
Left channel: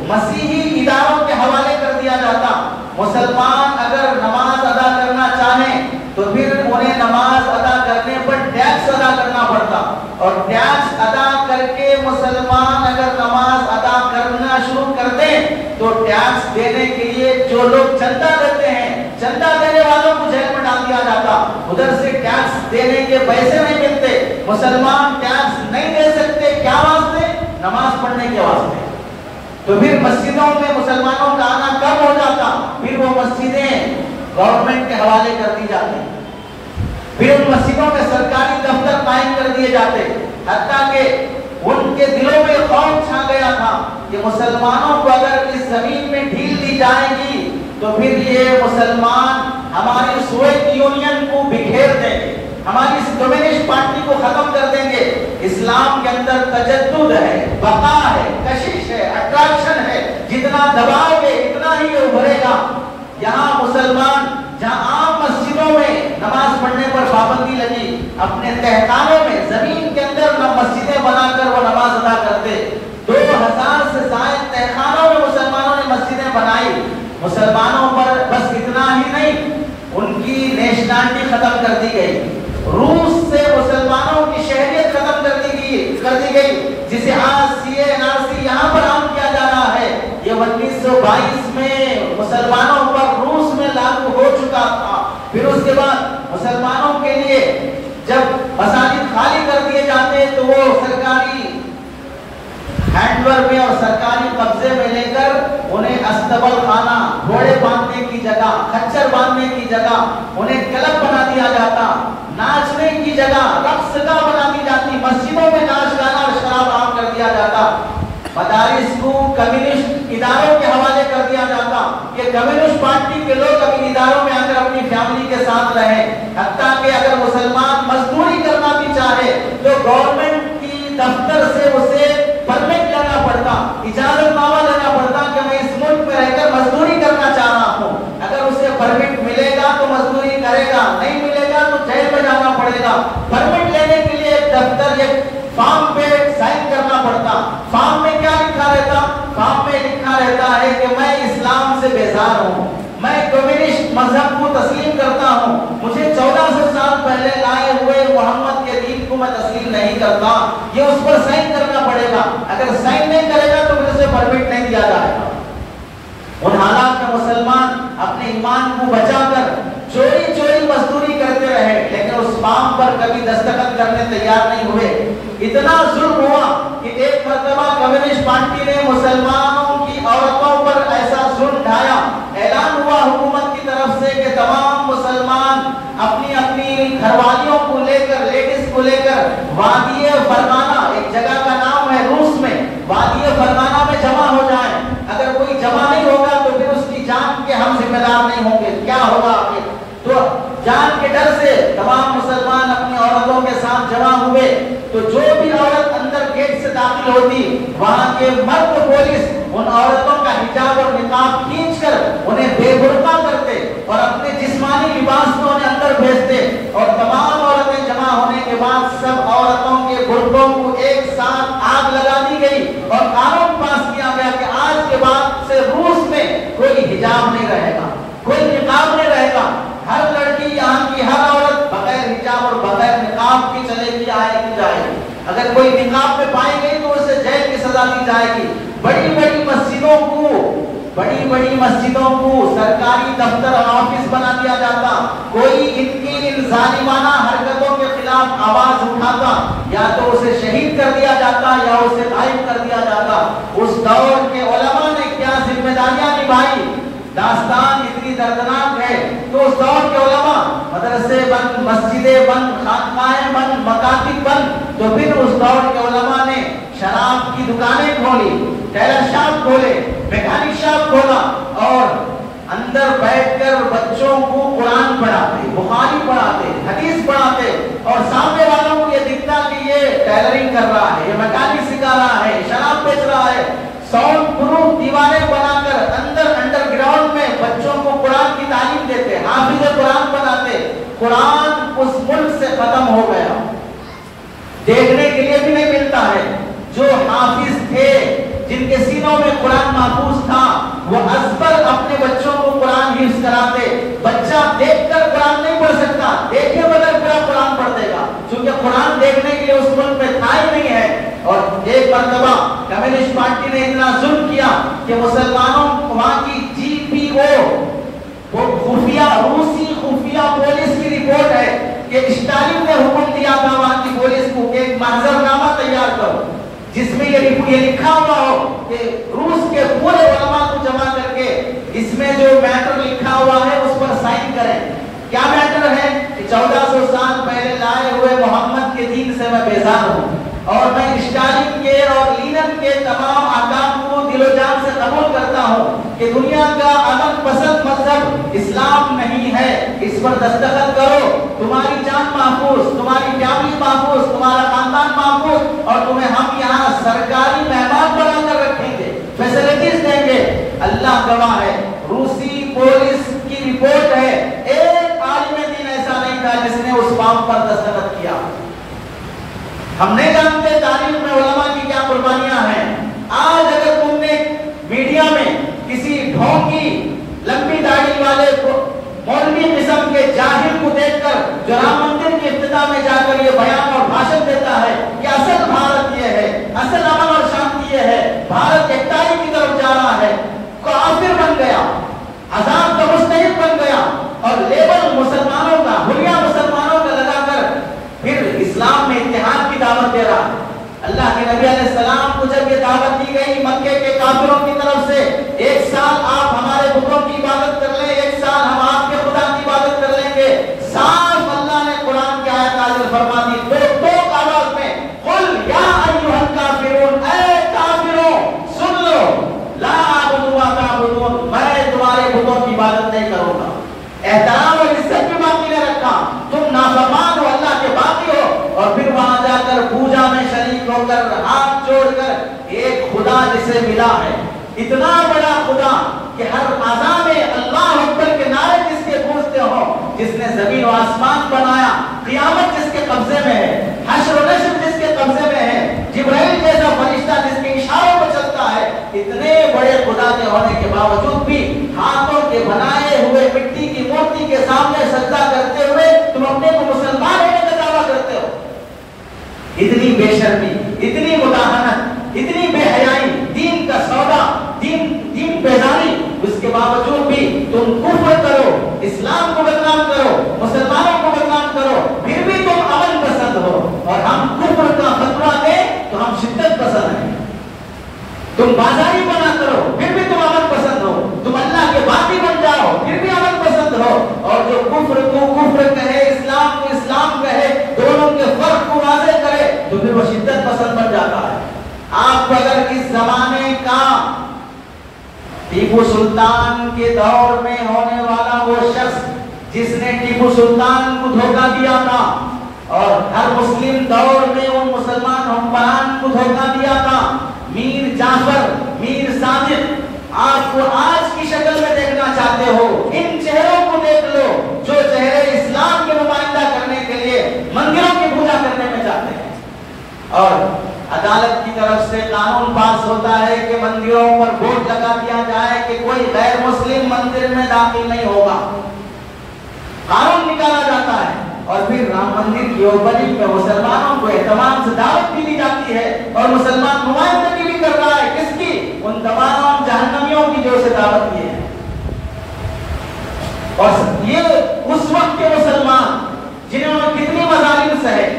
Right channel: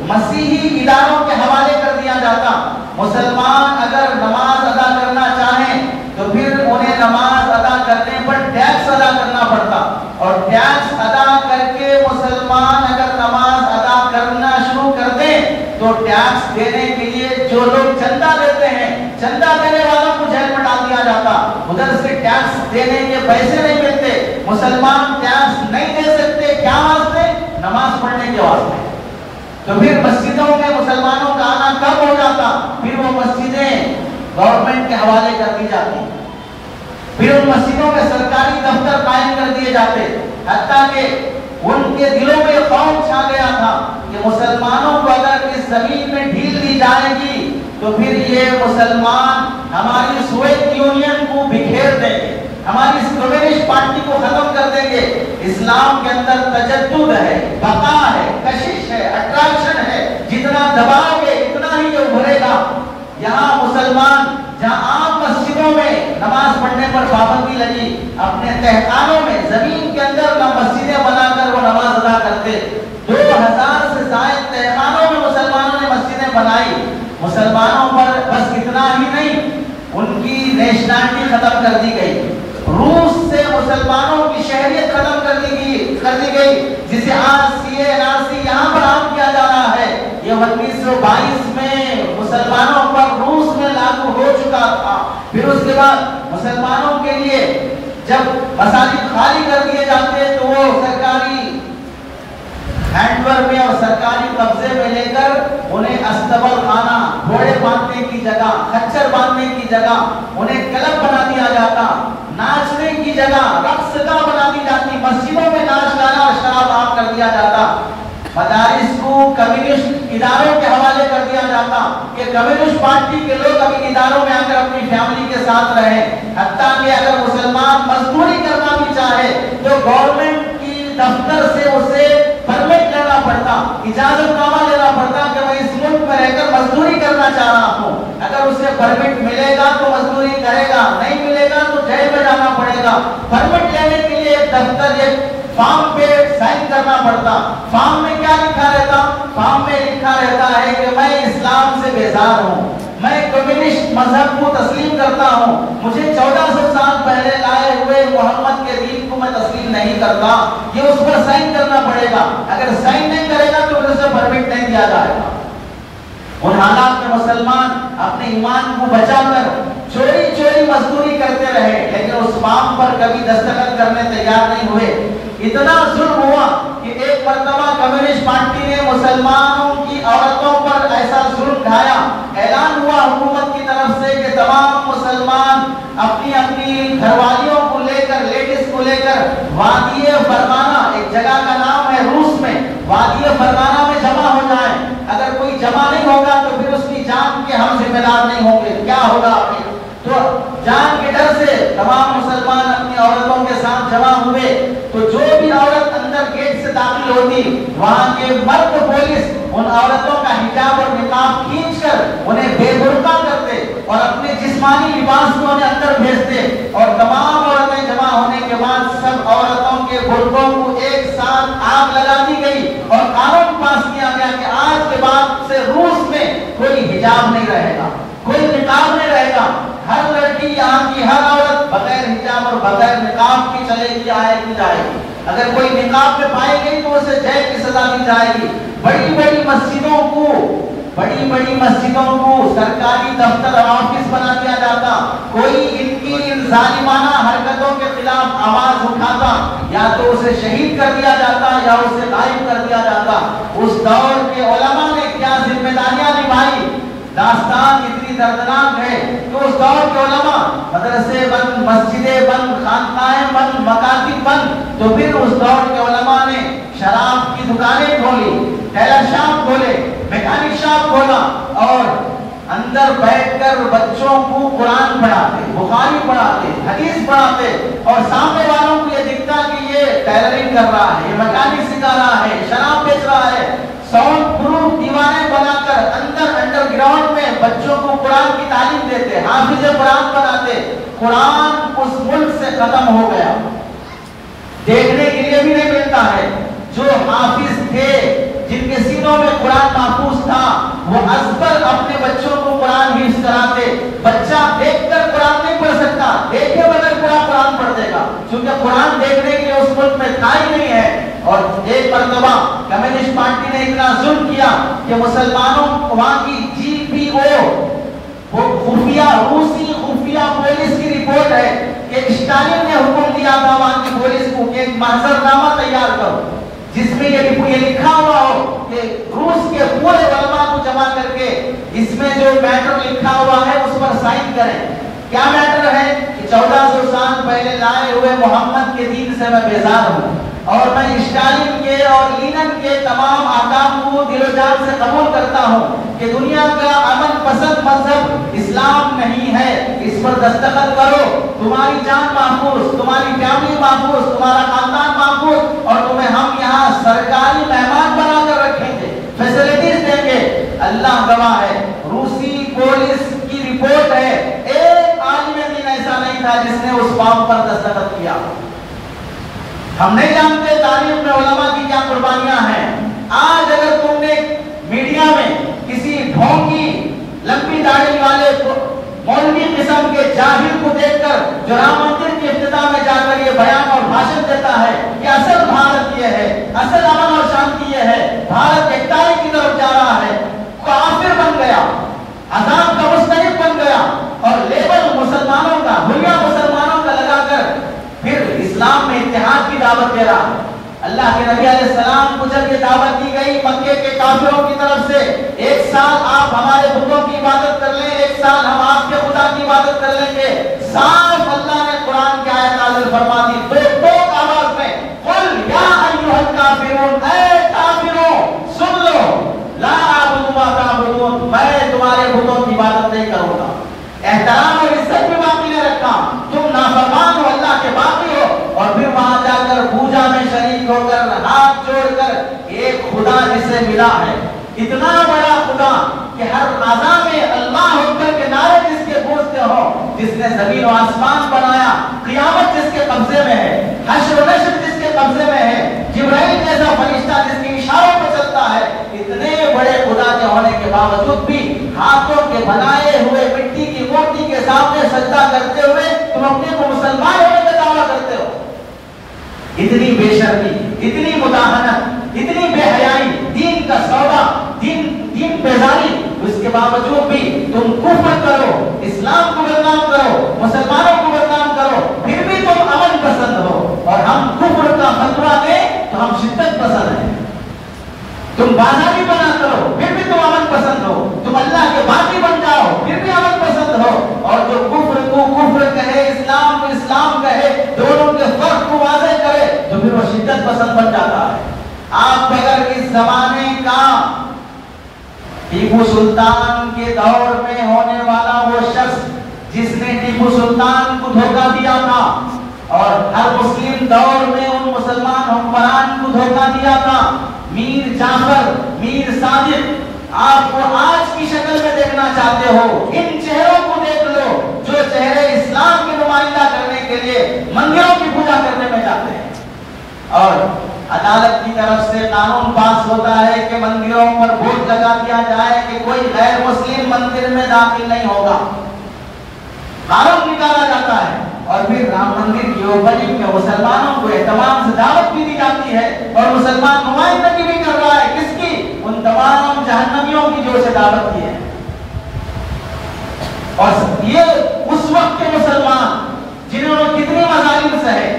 مسیحی اداروں کے حوالے کر دیا جاتا۔ مسلمان اگر نماز ادا کرنا چاہیں تو پھر انہیں نماز ادا کرنے پر ٹیکس ادا کرنا پڑتا، اور ٹیکس ادا کر کے مسلمان اگر نماز ادا کرنا شروع کر دیں تو ٹیکس دینے کے لیے جو لوگ چندہ دیتے ہیں، چندہ دینے والوں کو جیل میں ڈال دیا جاتا، ادھر سے ٹیکس دینے کے پیسے نہیں ملتے، مسلمان ٹیکس نہیں دے سکتے، کیا واسطے؟ نماز پڑھنے کے واسطے۔ تو پھر مسجدوں میں مسلمانوں کا آنا کم ہو جاتا، پھر وہ مسجدیں گورنمنٹ کے حوالے کر دی جاتی، پھر ان مسجدوں میں سرکاری دفتر قائم کر دیے جاتے، حتیٰ کہ ان کے دلوں میں خوف چھا گیا تھا کہ مسلمانوں کو اگر اس زمین میں ڈھیل دی جائے گی تو پھر یہ مسلمان ہماری سوویت یونین کو بکھیر دیں گے، ہماری اس کمیونسٹ پارٹی کو ختم کر دیں گے۔ اسلام کے اندر تجدد ہے، بقا ہے، کشش ہے، اٹریکشن ہے، جتنا دباؤ گے اتنا ہی ابھرے گا۔ یہاں مسلمان جہاں عام مسجدوں میں نماز پڑھنے پر پابندی لگی، اپنے تہخانوں میں زمین کے اندر مسجدیں بنا کر وہ نماز ادا کرتے۔ 2000 سے زائد مسلمانوں پر بس اتنا ہی نہیں، ان کی نیشنلٹی ختم کر دی گئی، روس سے مسلمانوں کی شہریت ختم کر دی گئی، جسے آج CA/NRC یہاں پر عام کیا جا رہا ہے، یہ 1922 میں مسلمانوں پر روس میں لاگو ہو چکا تھا۔ پھر اس کے بعد مسلمانوں کے لیے جب مساجد خالی کر دیے جاتے تو وہ سرکاری ہینڈور میں اور سرکاری قبضے میں لے کر انہیں استبل خانہ، گھوڑے باندھنے کی جگہ، خچر باندھنے کی جگہ انہیں کلب بنا دیا جاتا، ناچنے کی جگہ رقص گاہ بنا دی جاتی، مسجدوں میں ناچ گانا اور شراب عام کر دیا جاتا، مدارس کو کمیونسٹ اداروں کے حوالے کر دیا جاتا کہ کمیونسٹ پارٹی کے لوگ اپنے اداروں میں آ کر اپنی فیملی کے ساتھ رہیں، حتیٰ کہ اگر مسلمان مزدوری کرنا بھی چاہے تو گورنمنٹ کی دفتر سے اسے پرمٹ لینا پڑتا، اجازت نامہ لینا پڑتا کہ میں اس ملک میں رہ کر مزدوری کرنا چاہ رہا ہوں، اگر اسے پرمٹ ملے گا تو مزدوری کرے گا، نہیں ملے گا تو جیل میں جانا پڑے گا۔ پرمٹ لینے کے لیے ایک دفتر، ایک فارم پہ سائن کرنا پڑتا، فارم میں کیا لکھا رہتا؟ فارم میں لکھا رہتا ہے کہ میں اسلام سے بیزار ہوں، میں کمیونسٹ مذہب کو تسلیم کرتا ہوں، مجھے 1400 سال پہلے لائے ہوئے محمد کے دین کو میں تسلیم نہیں کرتا، یہ اس پر سائن کرنا پڑے گا، اگر سائن نہیں کرے گا تو اسے پرمٹ نہیں دیا جائے گا۔ ان حالات میں مسلمان اپنے ایمان کو بچا کر چوری چوری مزدوری کرتے رہے، لیکن اس فارم پر کبھی دستخط کرنے تیار نہیں ہوئے۔ اتنا ظلم ہوا کہ ایک مرتبہ کمیونسٹ پارٹی نے مسلمانوں کی عورتوں پر ایسا ظلم ڈھایا، اعلان ہوا حکومت کی طرف سے کہ تمام مسلمان اپنی اپنی گھر والیوں کو لے کر، لیڈیز کو لے کر وادی فرغانہ، ایک جگہ کا نام ہے روس میں، وادی فرغانہ میں جمع ہو جائیں، اگر کوئی جمع نہیں ہوگا تو پھر اس کی جان کے ہم ذمہ دار نہیں ہوں گے، کیا ہوگا آپ کے؟ تو جان کے ڈر سے تمام مسلمان اپنی عورتوں کے ساتھ جمع ہوئے، تو جو بھی عورت اندر گیٹ سے داخل ہوتی وہاں کے مرد پولیس ان عورتوں کا حجاب اور نقاب کھینچ کر انہیں بے برقع کرتے اور اپنے جسمانی لباس میں انہیں اندر بھیجتے، اور تمام عورتیں جمع ہونے کے بعد سب عورتوں کے برقعوں کو ایک ساتھ آگ لگا دی گئی اور قانون پاس کیا گیا کہ آج کے بعد سے روس میں کوئی حجاب نہیں رہے گا، کوئی نقاب نہیں رہے گا، ہر لڑکی یہاں کی ہر عورت بغیر حجاب اور بغیر نقاب کی چلے گی، آئے گی جائے گی، اگر کوئی نقاب میں پائے گئی تو اسے جیل کی سزا دی جائے گی۔ بڑی بڑی مسجدوں کو سرکاری دفتر اور آفس بنا دیا جاتا، کوئی ان کی ان ظالمانہ حرکتوں کے خلاف آواز اٹھاتا یا تو اسے شہید کر دیا جاتا یا اسے غائب کر دیا جاتا۔ اس دور کے علماء نے کیا ذمہ داریاں نبھائی، داستان اتنی دردناک ہے کہ اس دور کے علماء مدرسے بند، مسجدیں بند، خانقاہیں بند، مکاتب بند، تو پھر اس دور کے علماء نے شراب کی دکانیں کھولی، ٹیلر شاپ کھولے، میکینک شاپ کھولا اور اندر بیٹھ کر بچوں کو قرآن پڑھاتے، بخاری پڑھاتے، حدیث پڑھاتے، اور سامنے والوں کو یہ دکھتا کہ یہ ٹیلرنگ کر رہا ہے، یہ میکینک سکھا رہا ہے، شراب بیچ رہا ہے، ساؤنڈ پروف دیواریں بنا کر انڈر گراؤنڈ میں بچوں کو قرآن کی تعلیم دیتے، حافظ قرآن بناتے۔ قرآن اس ملک سے ختم ہو گیا، دیکھنے کے لیے بھی نہیں ملتا ہے۔ جو حافظ تھے جن کے سینوں میں قرآن محفوظ تھا وہ ازبر اپنے بچوں کو قرآن حفظ کراتے۔ بچہ دیکھ کر قرآن نہیں پڑھ سکتا، دیکھے بغیر پورا قرآن پڑھ دے گا، چونکہ قرآن دیکھنے کے لیے اس ملک میں تھا ہی نہیں ہے۔ اور ایک مرتبہ کمیونسٹ پارٹی نے اتنا ظلم کیا کہ مسلمانوں وہاں کی GPO خفیہ، روسی خفیہ پولیس کی رپورٹ ہے کہ اسٹالن نے حکم دیا تھا وہاں کی پولیس کو کہ ایک محضر نامہ تیار کرو جس میں یہ لکھا ہوا ہو کہ روس کے پورے علماء کو جمع کر کے اس میں جو میٹر لکھا ہوا ہے اس پر سائن کریں۔ کیا میٹر ہے کہ 1400 سال پہلے لائے ہوئے محمد کے دین سے میں بیزار ہوں اور میں اسٹالن کے اور لینن کے تمام احکام کو دل و جان سے قبول کرتا ہوں کہ دنیا کا امن پسند مذہب اسلام نہیں ہے، اس پر دستخط کرو، تمہاری جان محفوظ، تمہاری فیملی محفوظ، تمہارا خاندان محفوظ، اور تمہیں ہم یہاں سرکاری مہمان بنا کر رکھیں گے، فیسلٹیز دیں گے۔ اللہ گواہ ہے، روسی پولیس کی رپورٹ ہے، ایک عالم دین ایسا نہیں تھا جس نے اس فارم پر دستخط کیا۔ ہم نہیں جانتے تاریخ میں علماء کی کیا قربانیاں ہیں۔ آج اگر تم نے میڈیا میں کسی ڈھونگی جاہل کو دیکھ کر جو رام مندر کی ابتدا میں جا کر یہ بیان اور بھاشن دیتا ہے کہ اصل بھارت یہ ہے، اصل امن اور شانتی یہ ہے، بھارت ایکتائی کی طرف جا رہا ہے، کافر بن گیا، عذاب کا مستحق بن گیا اور لیبل مسلمانوں کا، حلیہ مسلمانوں کا لگا کر پھر اسلام میں اتحاد کی دعوت دے رہا ہے۔ اللہ کے نبی علیہ السلام کو جب یہ دعوت دی گئی مکے کے کافروں کی طرف سے، ایک سال آپ ہمارے بتوں کی عبادت کر لیں، ایک سال ہم آپ کے خدا کی عبادت کر لیں گے، صاف اللہ نے قرآن کی آیت نازل فرما دی دو آواز میں، قل یا ایھا الکافرون، اے کافروں سن لو، لا اعبد ما تعبدون، میں تمہارے بتوں کی عبادت نہیں کروں گا، احترام اور عزت بھی باقی نہ رکھا، تم نافرمان ہو، اللہ کے باقی ہو، اور پھر وہاں جا کر پوجا میں شریک ہو کر ہاتھ جوڑ کر ایک خدا جسے ملا ہے، اتنا بڑا خدا کہ ہر اذان میں اللہ اکبر کے نعرے جس کے گونجتے ہوں، جس نے زمین و آسمان بنایا، قیامت جس کے قبضے میں ہے، حشر و نشر جس کے قبضے میں ہے، جبرائیل جیسا فرشتہ جس کے اشاروں پر چلتا ہے، اتنے بڑے خدا کے ہونے کے باوجود بھی ہاتھوں کے بنائے ہوئے مٹی کی مورتی کے سامنے سجدہ کرتے ہوئے تم اپنے کو مسلمان ہونے کا دعویٰ کرتے ہو۔ اتنی بے شرمی، اتنی مداہنت، اتنی بے حیائی، دین کا سودا، دین بیزاری، اس کے باوجود بھی تم کفر کرو، اسلام کو بدنام کرو، مسلمانوں کو بدنام کرو، پھر بھی تم امن پسند ہو، اور ہم کفر کا فتویٰ دیں تو ہم شدت پسند ہیں۔ تم بازاری بنا کرو پھر بھی تم امن پسند ہو، تم اللہ کے باقی بن جاؤ پھر بھی امن پسند ہو، اور جو کفر کو کفر کہے، اسلام کو اسلام کہے، دونوں کے فرق کو واضح کرے تو پھر وہ شدت پسند بن جاتا ہے۔ آپ اگر اس زمانے کا ٹیپو سلطان کے دور میں ہونے والا وہ شخص جس نے ٹیپو سلطان کو دھوکہ دیا تھا اور ہر مسلم دور میں ان مسلمان حکمران کو دھوکہ دیا تھا، میر جعفر، میر صادق، آپ کو آج کی شکل میں دیکھنا چاہتے ہو، ان چہروں کو دیکھ لو جو چہرے اسلام کی نمائندہ کرنے کے لیے مندروں کی پوجا کرنے میں جاتے ہیں، اور عدالت کی طرف سے قانون پاس ہوتا ہے کہ مندروں پر بورڈ لگا دیا جائے کہ کوئی غیر مسلم مندر میں داخل نہیں ہوگا، قانون نکالا جاتا ہے، اور پھر رام مندر کی اوپننگ میں مسلمانوں کو اہتمام سے دعوت بھی دی جاتی ہے، اور مسلمان نمائندگی بھی کر رہا ہے، کس کی؟ ان تمام جہنمیوں کی جو سے دعوت دی ہے۔ اور یہ اس وقت کے مسلمان جنہوں نے کتنی مظالم سہے،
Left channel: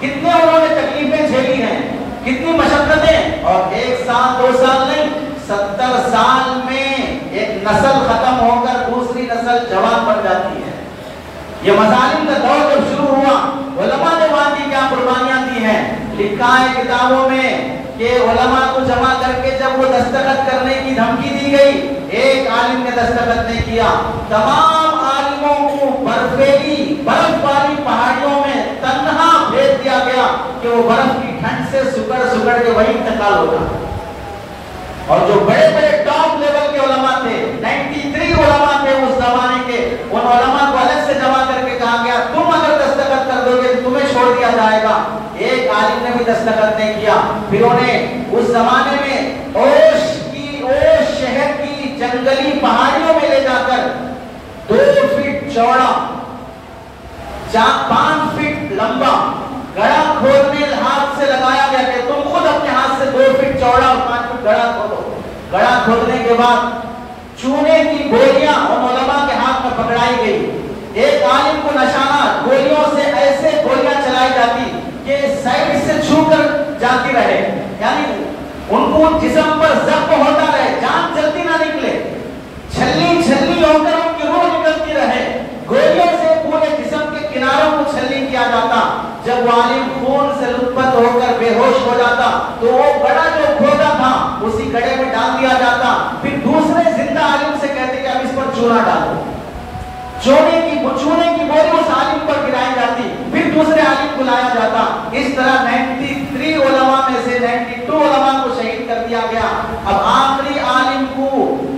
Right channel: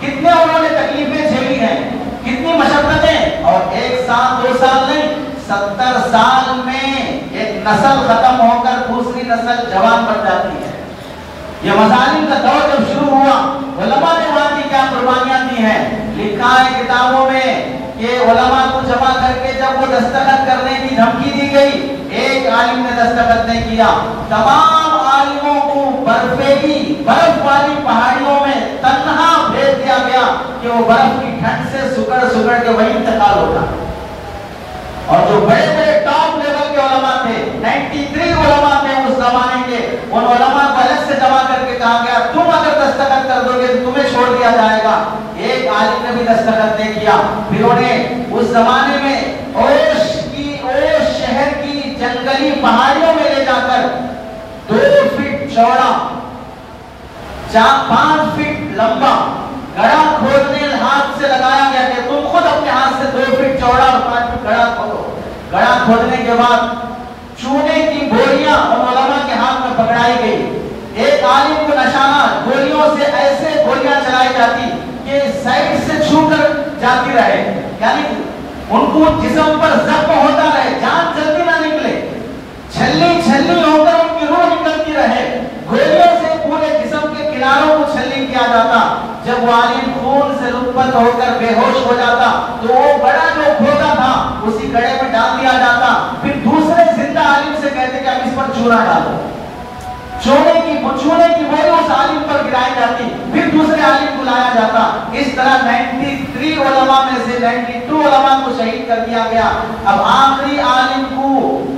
کتنے انہوں نے تکلیفیں جھیلی ہیں، کتنی مشقتیں، اور ایک سال 2 سال نہیں، 70 سال میں ایک نسل ختم ہو کر دوسری نسل جوان بن جاتی ہے۔ یہ مظالم کا دور جب شروع ہوا، علماء نے وہاں کی کیا قربانیاں دی ہیں، لکھا ہے کتابوں میں کہ علماء کو جمع کر کے جب وہ دستخط کرنے کی دھمکی دی گئی، ایک عالم نے دستخط نہیں کیا، تمام عالموں کو برف والی پہاڑیوں میں تنہا بھیج دیا گیا کہ وہ برف کی ٹھنڈ سے سکڑ کے وہیں انتقال ہوتا۔ اور جو بڑے بڑے ٹاپ لیول کے علماء تھے، 93 علماء تھے اس زمانے کے، ان علماء کو الگ سے جمع کر کے کہا گیا تم اگر دستخط کر دو گے تمہیں چھوڑ دیا جائے گا۔ ایک عالم نے بھی دستخط نہیں کیا، پھر انہیں اس زمانے میں اوش شہر کی جنگلی پہاڑیوں میں لے جا کر 2 فٹ چوڑا 5 فٹ لمبا گڑھا کھودنے ہاتھ سے لگایا گیا کہ تم خود اپنے ہاتھ سے 2 فٹ چوڑا اور 5 فٹ گڑھا کھودو۔ گڑھا کھودنے کے بعد چونے کی گولیاں ان علماء کے ہاتھ میں پکڑائی گئی، ایک عالم کو نشانہ گولیوں سے ایسے گولیاں چلائی جاتی کہ سائڈ سے چھو کر جاتی رہے، یعنی ان کو جسم پر زخم ہوتا رہے، جان جلدی نہ نکلے، چھلنی ہو کر ان کی روح نکلتی رہے، گولیوں سے پورے جسم کے کناروں کو چھلنی کیا جاتا۔ جب وہ عالم خون سے لطفت ہو کر بے ہوش ہو جاتا تو وہ گڑھا جو کھودا تھا اسی گڑھے میں ڈال دیا جاتا، پھر دوسرے زندہ عالم سے کہتے کہ اب اس پر چونا ڈالو، چونے کی گولی اس عالم پر گرائی جاتی، پھر دوسرے عالم کو لایا جاتا۔ اس طرح 93 علماء میں سے 92 علماء کو شہید کر دیا گیا۔ اب آخری عالم کو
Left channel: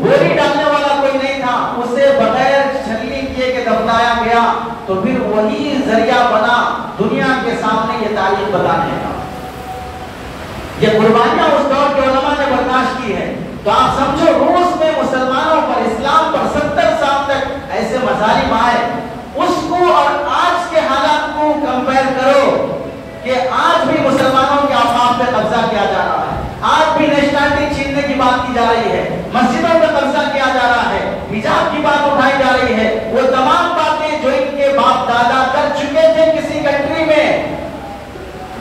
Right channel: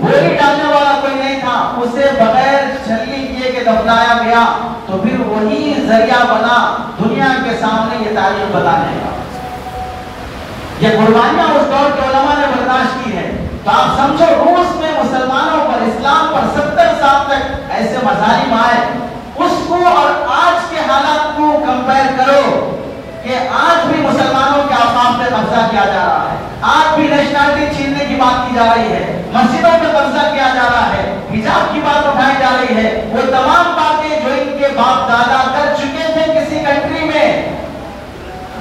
گولی ڈالنے والا کوئی نہیں تھا، اسے بغیر چھلنی کیے کے دفنایا گیا، تو پھر وہی ذریعہ بنا دنیا کے سامنے یہ تاریخ بتانے کا۔ یہ قربانیاں اس دور کے علماء نے برداشت کی ہے، تو آپ سمجھو روس میں مسلمانوں پر، اسلام پر 70 سال تک ایسے مظالم آئے، اس کو جا رہی ہے، مسجدوں پہ قبضہ کیا جا رہا ہے، حجاب کی بات اٹھائی جا رہی ہے، وہ تمام باتیں جو ان کے باپ دادا کر چکے تھے کسی کنٹری میں،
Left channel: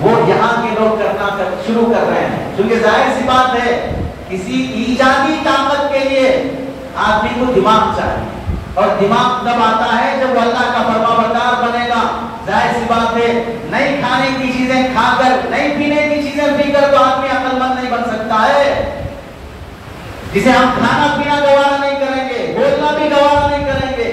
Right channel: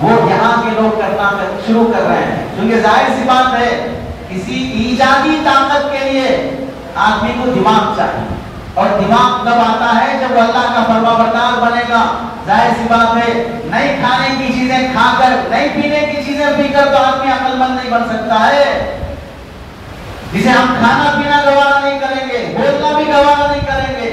وہ یہاں کے لوگ کرنا شروع کر رہے ہیں. کیونکہ ظاہر سی بات ہے کسی ایجادی طاقت کے لیے آدمی کو دماغ چاہیے، اور دماغ تب آتا ہے جب اللہ کا فرمانبردار بنے گا. ظاہر سی بات ہے نئی کھانے کی چیزیں کھا کر، نئی پینے کی چیزیں پی کر تو آدمی عقل مند نہیں بن سکتا ہے. جسے ہم کھانا پینا گوارا نہیں کریں گے، بولنا بھی گوارا نہیں کریں گے.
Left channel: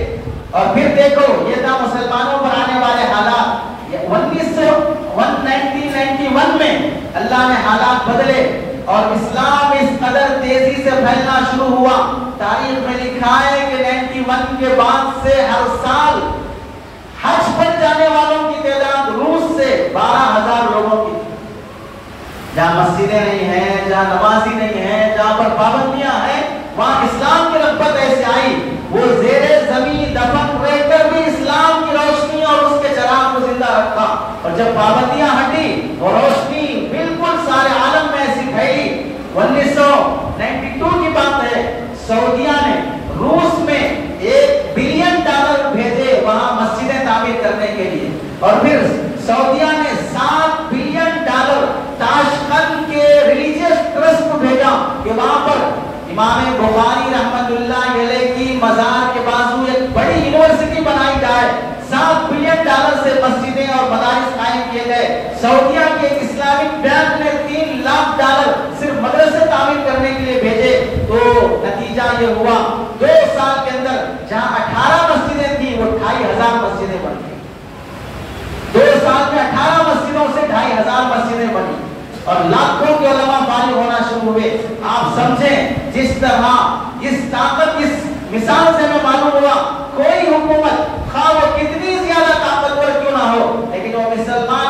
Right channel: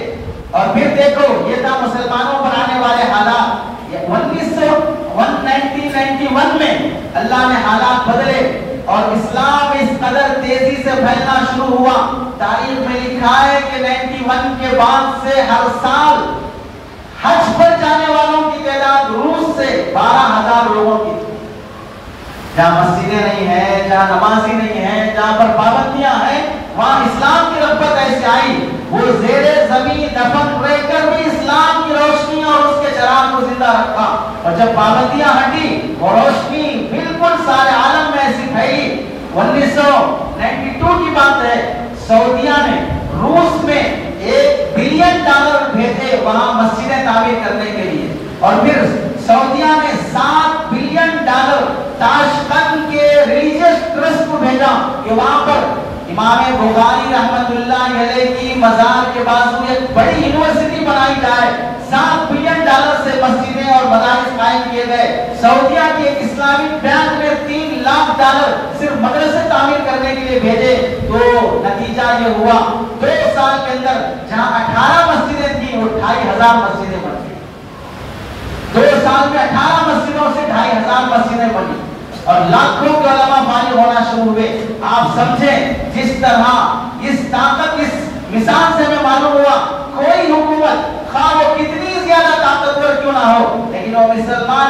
اور پھر دیکھو یہ تھا مسلمانوں پر آنے والے حالات. 1991 میں اللہ نے حالات بدلے اور اسلام اس قدر تیزی سے پھیلنا شروع ہوا. تاریخ میں لکھا ہے کہ 91 کے بعد سے ہر سال حج پر جانے والوں کی تعداد روس سے 12,000 لوگوں کی تھی. جہاں مسجدیں نہیں ہیں، جہاں نمازی نہیں ہیں، جہاں پر پابندیاں ہیں، وہاں اسلام کی رغبت ایسے آئی. وہ زیر زمین دفن رہ کر بھی اسلام کی روشنی اور اس کے چراغ کو زندہ رکھا. اور جب پابندیاں ہٹی وہ روشنی بالکل سارے عالم میں ایسی پھیلی. 1992 کی بات ہے، سعودیہ نے روس میں $1 بلین بھیجے وہاں مسجدیں تعمیر کرنے کے لیے. اور پھر سعودیہ نے $7 بلین تاشقند کے ریلیجیس ٹرسٹ کو بھیجا کہ وہاں پر امام بخاری رحمت اللہ علیہ کی مزار کے بازو ایک بڑی یونیورسٹی بنائی جائے. $7 بلین سے مسجدیں اور مدارس قائم کیے گئے. سعودیہ کے ایک اسلامک بینک نے $3 لاکھ صرف مدرسے تعمیر کرنے کے لیے بھیجے. تو نتیجہ یہ ہوا 2 سال کے اندر جہاں 18 مسجدیں تھیں وہ 2,500 مسجدیں بن گئی. 2 سال کے 18 مسجدوں سے 2,500 مسجدیں بنی اور لاکھوں کے علماء فارغ ہونا شروع ہوئے. آپ سمجھیں جس طرح اس طاقت، اس مثال سے میں معلوم ہوا کوئی حکومت خواہ وہ کتنی زیادہ طاقتور کیوں نہ ہو لیکن وہ مسلمان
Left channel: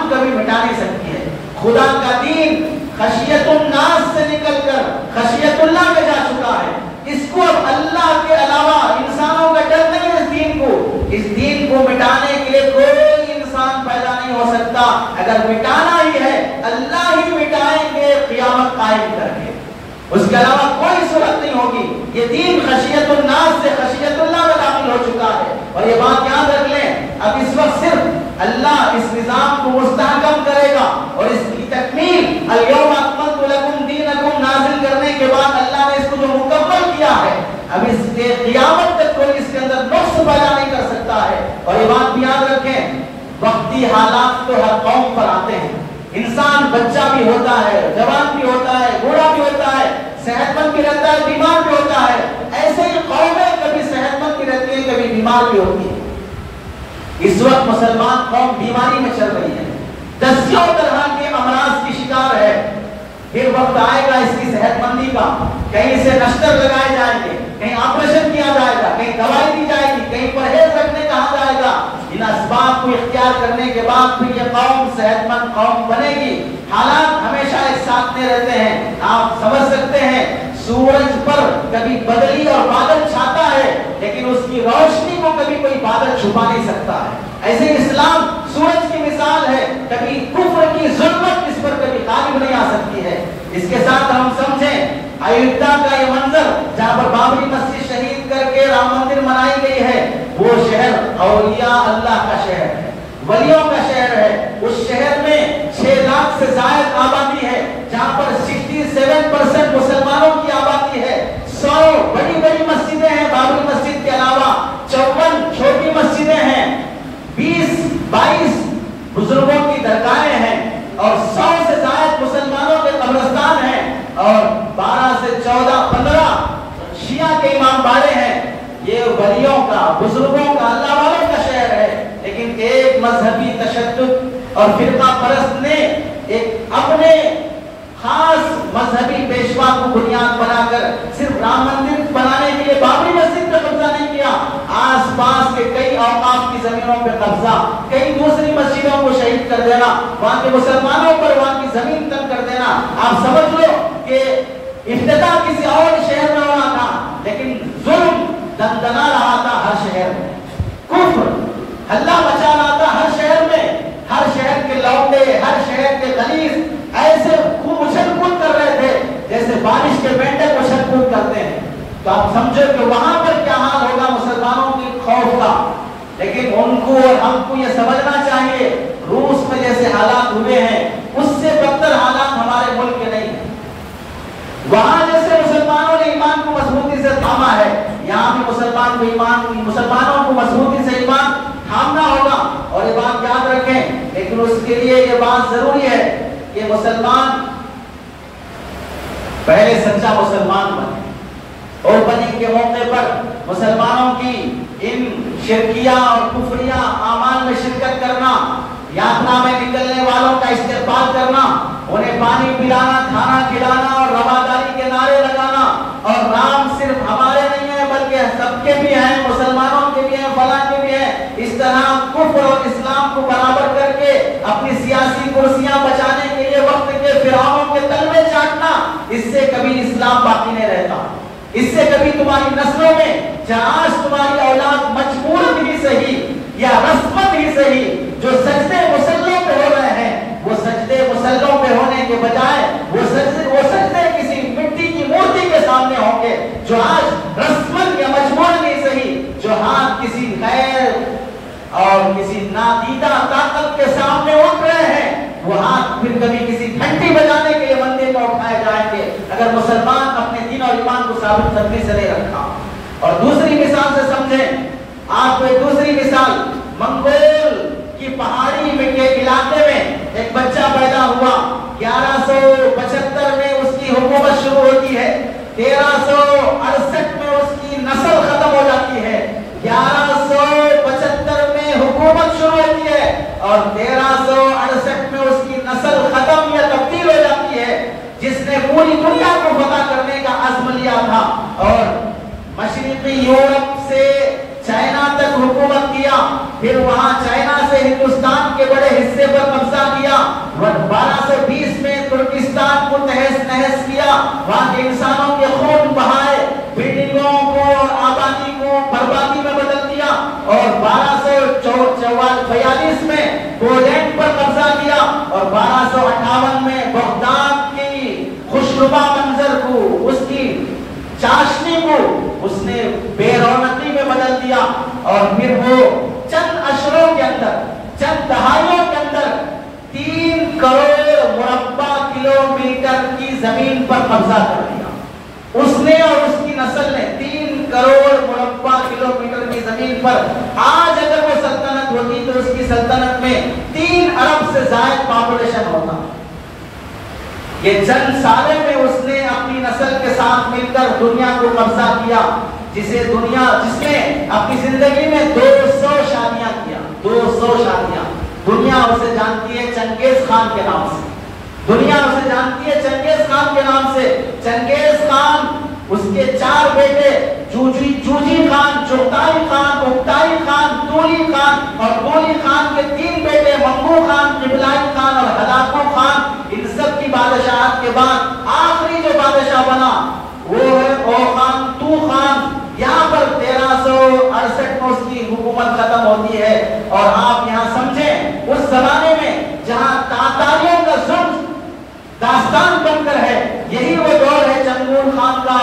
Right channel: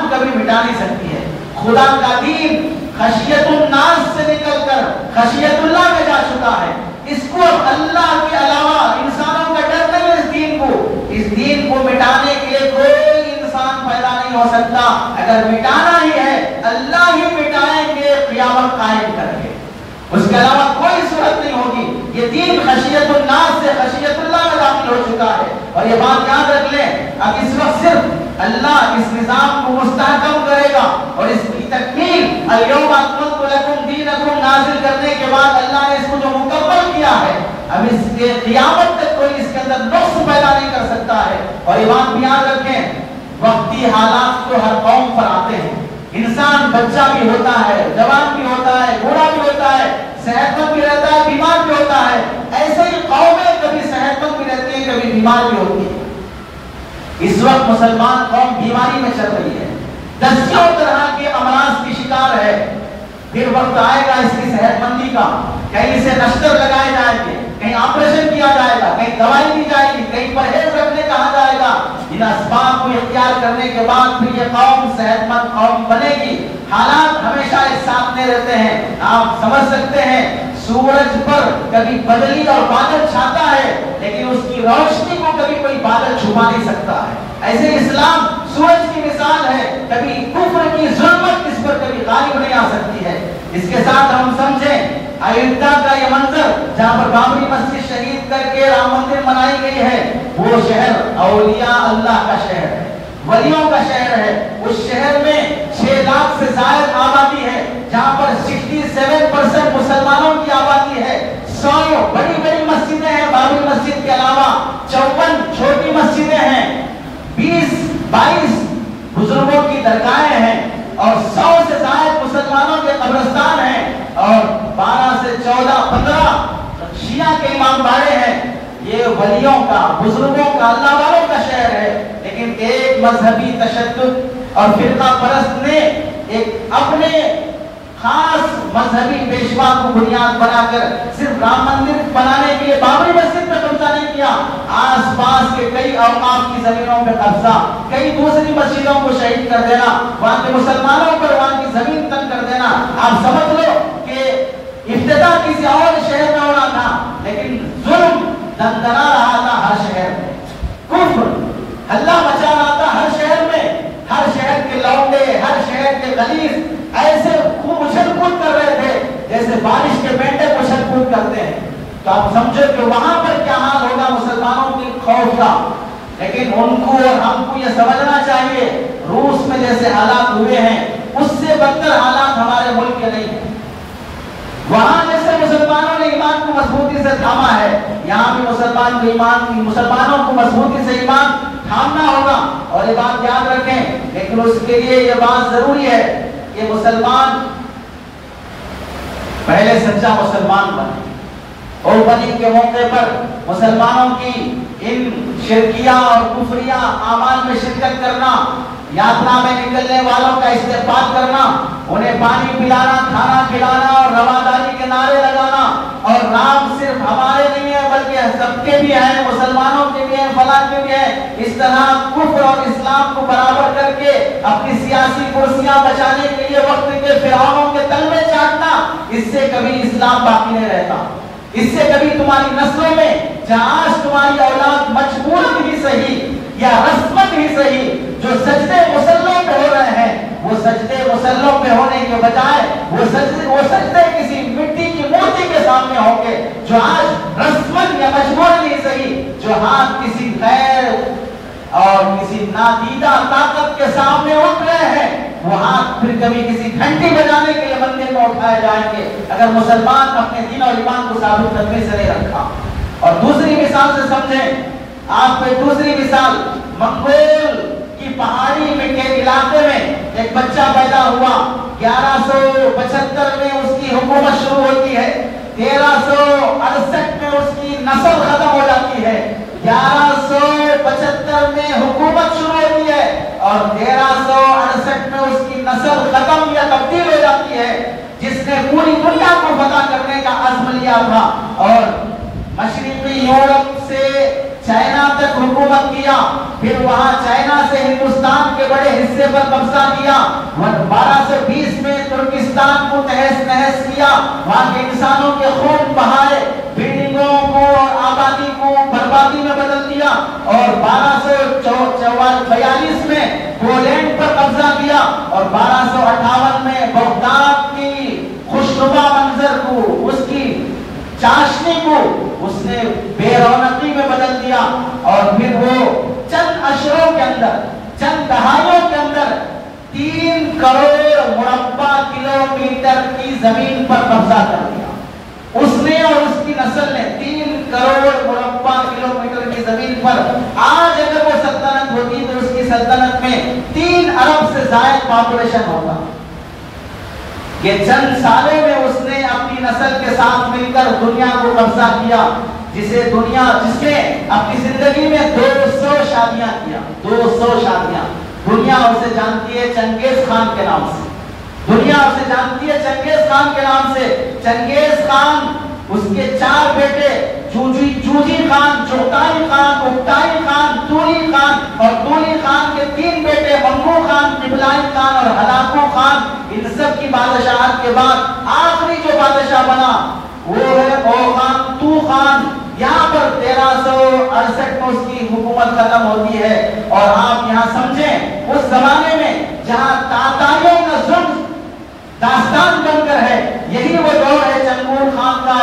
کو کبھی مٹا نہیں سکتی ہے. خدا کا دین خشیت الناس سے نکل کر خشیت اللہ میں جا چکا ہے. اس کو اب اللہ کے علاوہ انسانوں کا ڈر نہیں ہے. اس دین کو مٹانے کے لیے کوئی انسان پیدا نہیں ہو سکتا. اگر مٹانا ہی ہے اللہ ہی مٹائیں گے قیامت قائم کر کے، اس کے علاوہ کوئی صورت نہیں ہوگی. یہ دین خشیت الناس سے خشیت اللہ میں داخل ہو چکا ہے. اور یہ بات یاد رکھ لیں اب اس وقت صرف اللہ اس نظام کو مستحکم کرے گا اور اس کی تکمیل الیوم اکملت لکم دینکم نازل کرنے کے بعد اللہ نے اس کو جو مکمل کیا ہے اب اس کے قیامت تک کوئی اس کے اندر نقص پیدا نہیں کر سکتا ہے. اور یہ بات بھی یاد رکھیں وقتی حالات تو ہر قوم پر آتے ہیں. انسان بچہ بھی ہوتا ہے، جوان بھی ہوتا ہے، بوڑھا بھی ہوتا ہے، صحت مند بھی رہتا ہے، بیمار بھی ہوتا ہے. ایسے ہی قومیں کبھی صحت مند بھی رہتی ہیں، کبھی بیمار بھی ہوتی ہیں. اس وقت مسلمان قوم بیماری میں چل رہی ہے، دسیوں طرح کے امراض کی شکار ہے. پھر وقت آئے گا اس کی صحت مندی کا، کہیں سے نشتر لگائے جائیں گے، کہیں آپریشن کیا جائے گا، کہیں دوائی دی جائے گی، کہیں پرہیز رکھنے کہا جائے گا. ان اسباب کو اختیار کرنے کے بعد پھر یہ قوم صحت مند قوم بنے گی. حالات ہمیشہ ایک ساتھ نہیں رہتے ہیں. آپ سمجھ سکتے ہیں سورج پر کبھی بدلی اور بادل چھاتا ہے لیکن اس کی روشنی کو کبھی کوئی بادل چھپا نہیں سکتا ہے. ایسے اسلام سورج کی مثال ہے، کبھی کفر کی ظلمت اس پر کبھی غالب نہیں آ سکتی ہے. اس کے ساتھ ہم سمجھیں ایودھیا کا یہ منظر جہاں پر بابری مسجد شہید کر کے رام مندر بنائی گئی ہے، وہ شہر اولیاء اللہ کا شہر ہے، ولیوں کا شہر ہے. اس شہر میں 6 لاکھ سے زائد آبادی ہے جہاں پر 67% مسلمانوں کی آبادی ہے. 100 بڑی بڑی مسجدیں ہیں بابری مسجد کے علاوہ، 54 چھوٹی مسجدیں ہیں، 20-22 بزرگوں کی درگاہیں ہیں اور 100 سے زائد مسلمانوں کے قبرستان ہیں اور 12 سے 14-15 شیعہ کے امام باڑے ہیں. یہ ولیوں کا، بزرگوں کا، اللہ والوں کا شہر ہے. لیکن ایک مذہبی تشدد اور فرقہ پرست نے ایک اپنے خاص مذہبی پیشوا کو بنیاد بنا کر صرف رام مندر بنانے کے لیے بابری مسجد پہ قبضہ نہیں کیا، آس پاس کے کئی اوقاف کی زمینوں پہ قبضہ، کئی دوسری مسجدوں کو شہید کر دینا، وہاں کے مسلمانوں پر وہاں کی زمین تنگ کر دینا. آپ سمجھ لو کہ ابتدا کسی اور شہر میں ہونا تھا لیکن ظلم دندنا رہا تھا ہر شہر میں، کفر اللہ بچا رہا تھا ہر شہر میں. ہر شہر کے لوٹے، ہر شہر کے غلیظ ایسے خوب اچھل کود کر رہے تھے جیسے بارش کے مینڈل یہ سمجھنا چاہیے روس میں جیسے حالات ہوئے ہیں اس سے بدتر حالات ہمارے ملک کے نہیں ہیں. وہاں جیسے مسلمانوں نے ایمان کو مضبوطی سے تھاما ہے, یہاں بھی مسلمانوں کو مضبوطی سے ایمان تھامنا ہوگا. اور یہ بات یاد رکھیں, لیکن اس کے لیے یہ بات ضروری ہے کہ مسلمان پہلے سچا مسلمان بنے, اور بنی کے موقع پر مسلمانوں کی ان شرکیہ اور کفریہ اعمال میں شرکت کرنا, یاترا میں نکلنے والوں کا استقبال کرنا, انہیں پانی پلانا, کھانا کھلانا اور رواداری کے نعرے لگانا. اور رام صرف ہمارے نہیں ہیں بلکہ سب کے بھی ہیں, مسلمانوں کے بھی ہیں, فلاں کے بھی ہیں. اس طرح کفر اور اسلام کو برابر کر کے اپنی سیاسی کرسیاں بچانے کے لیے وقت کے فرعونوں کے تلوے چاٹنا, اس سے کبھی اسلام باقی نہیں رہتا. اس سے کبھی تمہاری نسلوں میں جہاں آج تمہاری اولاد مجبور بھی صحیح یا رسمت ہی صحیح جو سجدے مسلوں پہ ہو رہے ہیں, وہ سجدے مسلوں پہ ہونے کے بجائے وہ سجدے کسی مٹی کی مورتی کے سامنے ہوں گے. جو آج رسمت یا مجبور نہیں صحیح, جو ہاتھ کسی غیر اور کسی نادیدہ طاقت کے سامنے اٹھ رہے ہیں, وہ ہاتھ پھر کبھی کسی گھنٹی بجانے کے لیے بندے میں اٹھائے جائیں گے اگر مسلمان اپنے دین اور ایمان کو ثابت کرنے سے نہیں رکھا. اور دوسری مثال سے سمجھیں, آپ کو ایک دوسری مثال, منگول کی پہاڑی میں کے علاقے میں ایک بچہ پیدا ہوا. 1175 میں اس کی حکومت شروع ہوتی ہے, 1368 میں اس کی نسل ختم ہو جاتی ہے. 1175 میں حکومت شروع ہوتی ہے اور 1368 میں اس کی نسل ختم یا تبدیل ہو جاتی ہے. جس نے پوری دنیا کو فتح کرنے کا عزم لیا تھا اور مشرقی یورپ سے چائنا تک حکومت کیا, پھر وہاں چائنا سے ہندوستان کے بڑے حصے پر قبضہ کیا, 1220 میں ترکستان کو تہس نہس کیا, وہاں کے انسانوں کے خون بہائے, بلڈنگوں کو اور آبادی کو بربادی میں بدل دیا, اور 1242 میں پولینڈ پر قبضہ کیا, اور 1258 میں بغداد کی خوشنما منظر کو, اس کی چاشنی کو اس نے بے رونقی میں بدل دیا. اور پھر وہ چند اشروں کے اندر, چند دہائیوں کے اندر 3 کروڑ مربع کلومیٹر کی زمین پر قبضہ کر لیا. اس نے اور اس کی نسل نے 3 کروڑ مربع کلومیٹر کی زمین پر. آج اگر وہ سلطنت ہوتی تو اس کی سلطنت میں 3 ارب سے زائد پاپولیشن ہوگا. یہ چند سالوں میں اس نے اپنی نسل کے ساتھ مل کر دنیا کو قبضہ کیا, جس نے اپنی زندگی میں 200 شادیاں کیا. 200 شادیاں. دنیا اسے جانتی ہے چنگیز خان کے نام سے. دنیا اسے جانتی ہے چنگیز خان کے نام سے. چنگیز خان, اس کے 4 بیٹے, جوجی خان, چوتائی خان, اکتائی خان, توری خان, اور توری خان کے 3 بیٹے منگو خان, جبلائی خان اور ہلاکو خان. ان سب کی بادشاہت کے بعد آخری جو بادشاہ بنا وہ ہے او خان تو خان. یہاں پر 1368 میں اس کی حکومت ختم ہوتی ہے. اور آپ یہاں سمجھیں, اس زمانے میں جہاں تاتاریوں کا ظلم داستان بن کر ہے, یہی وہ دور ہے چنگول خان کا,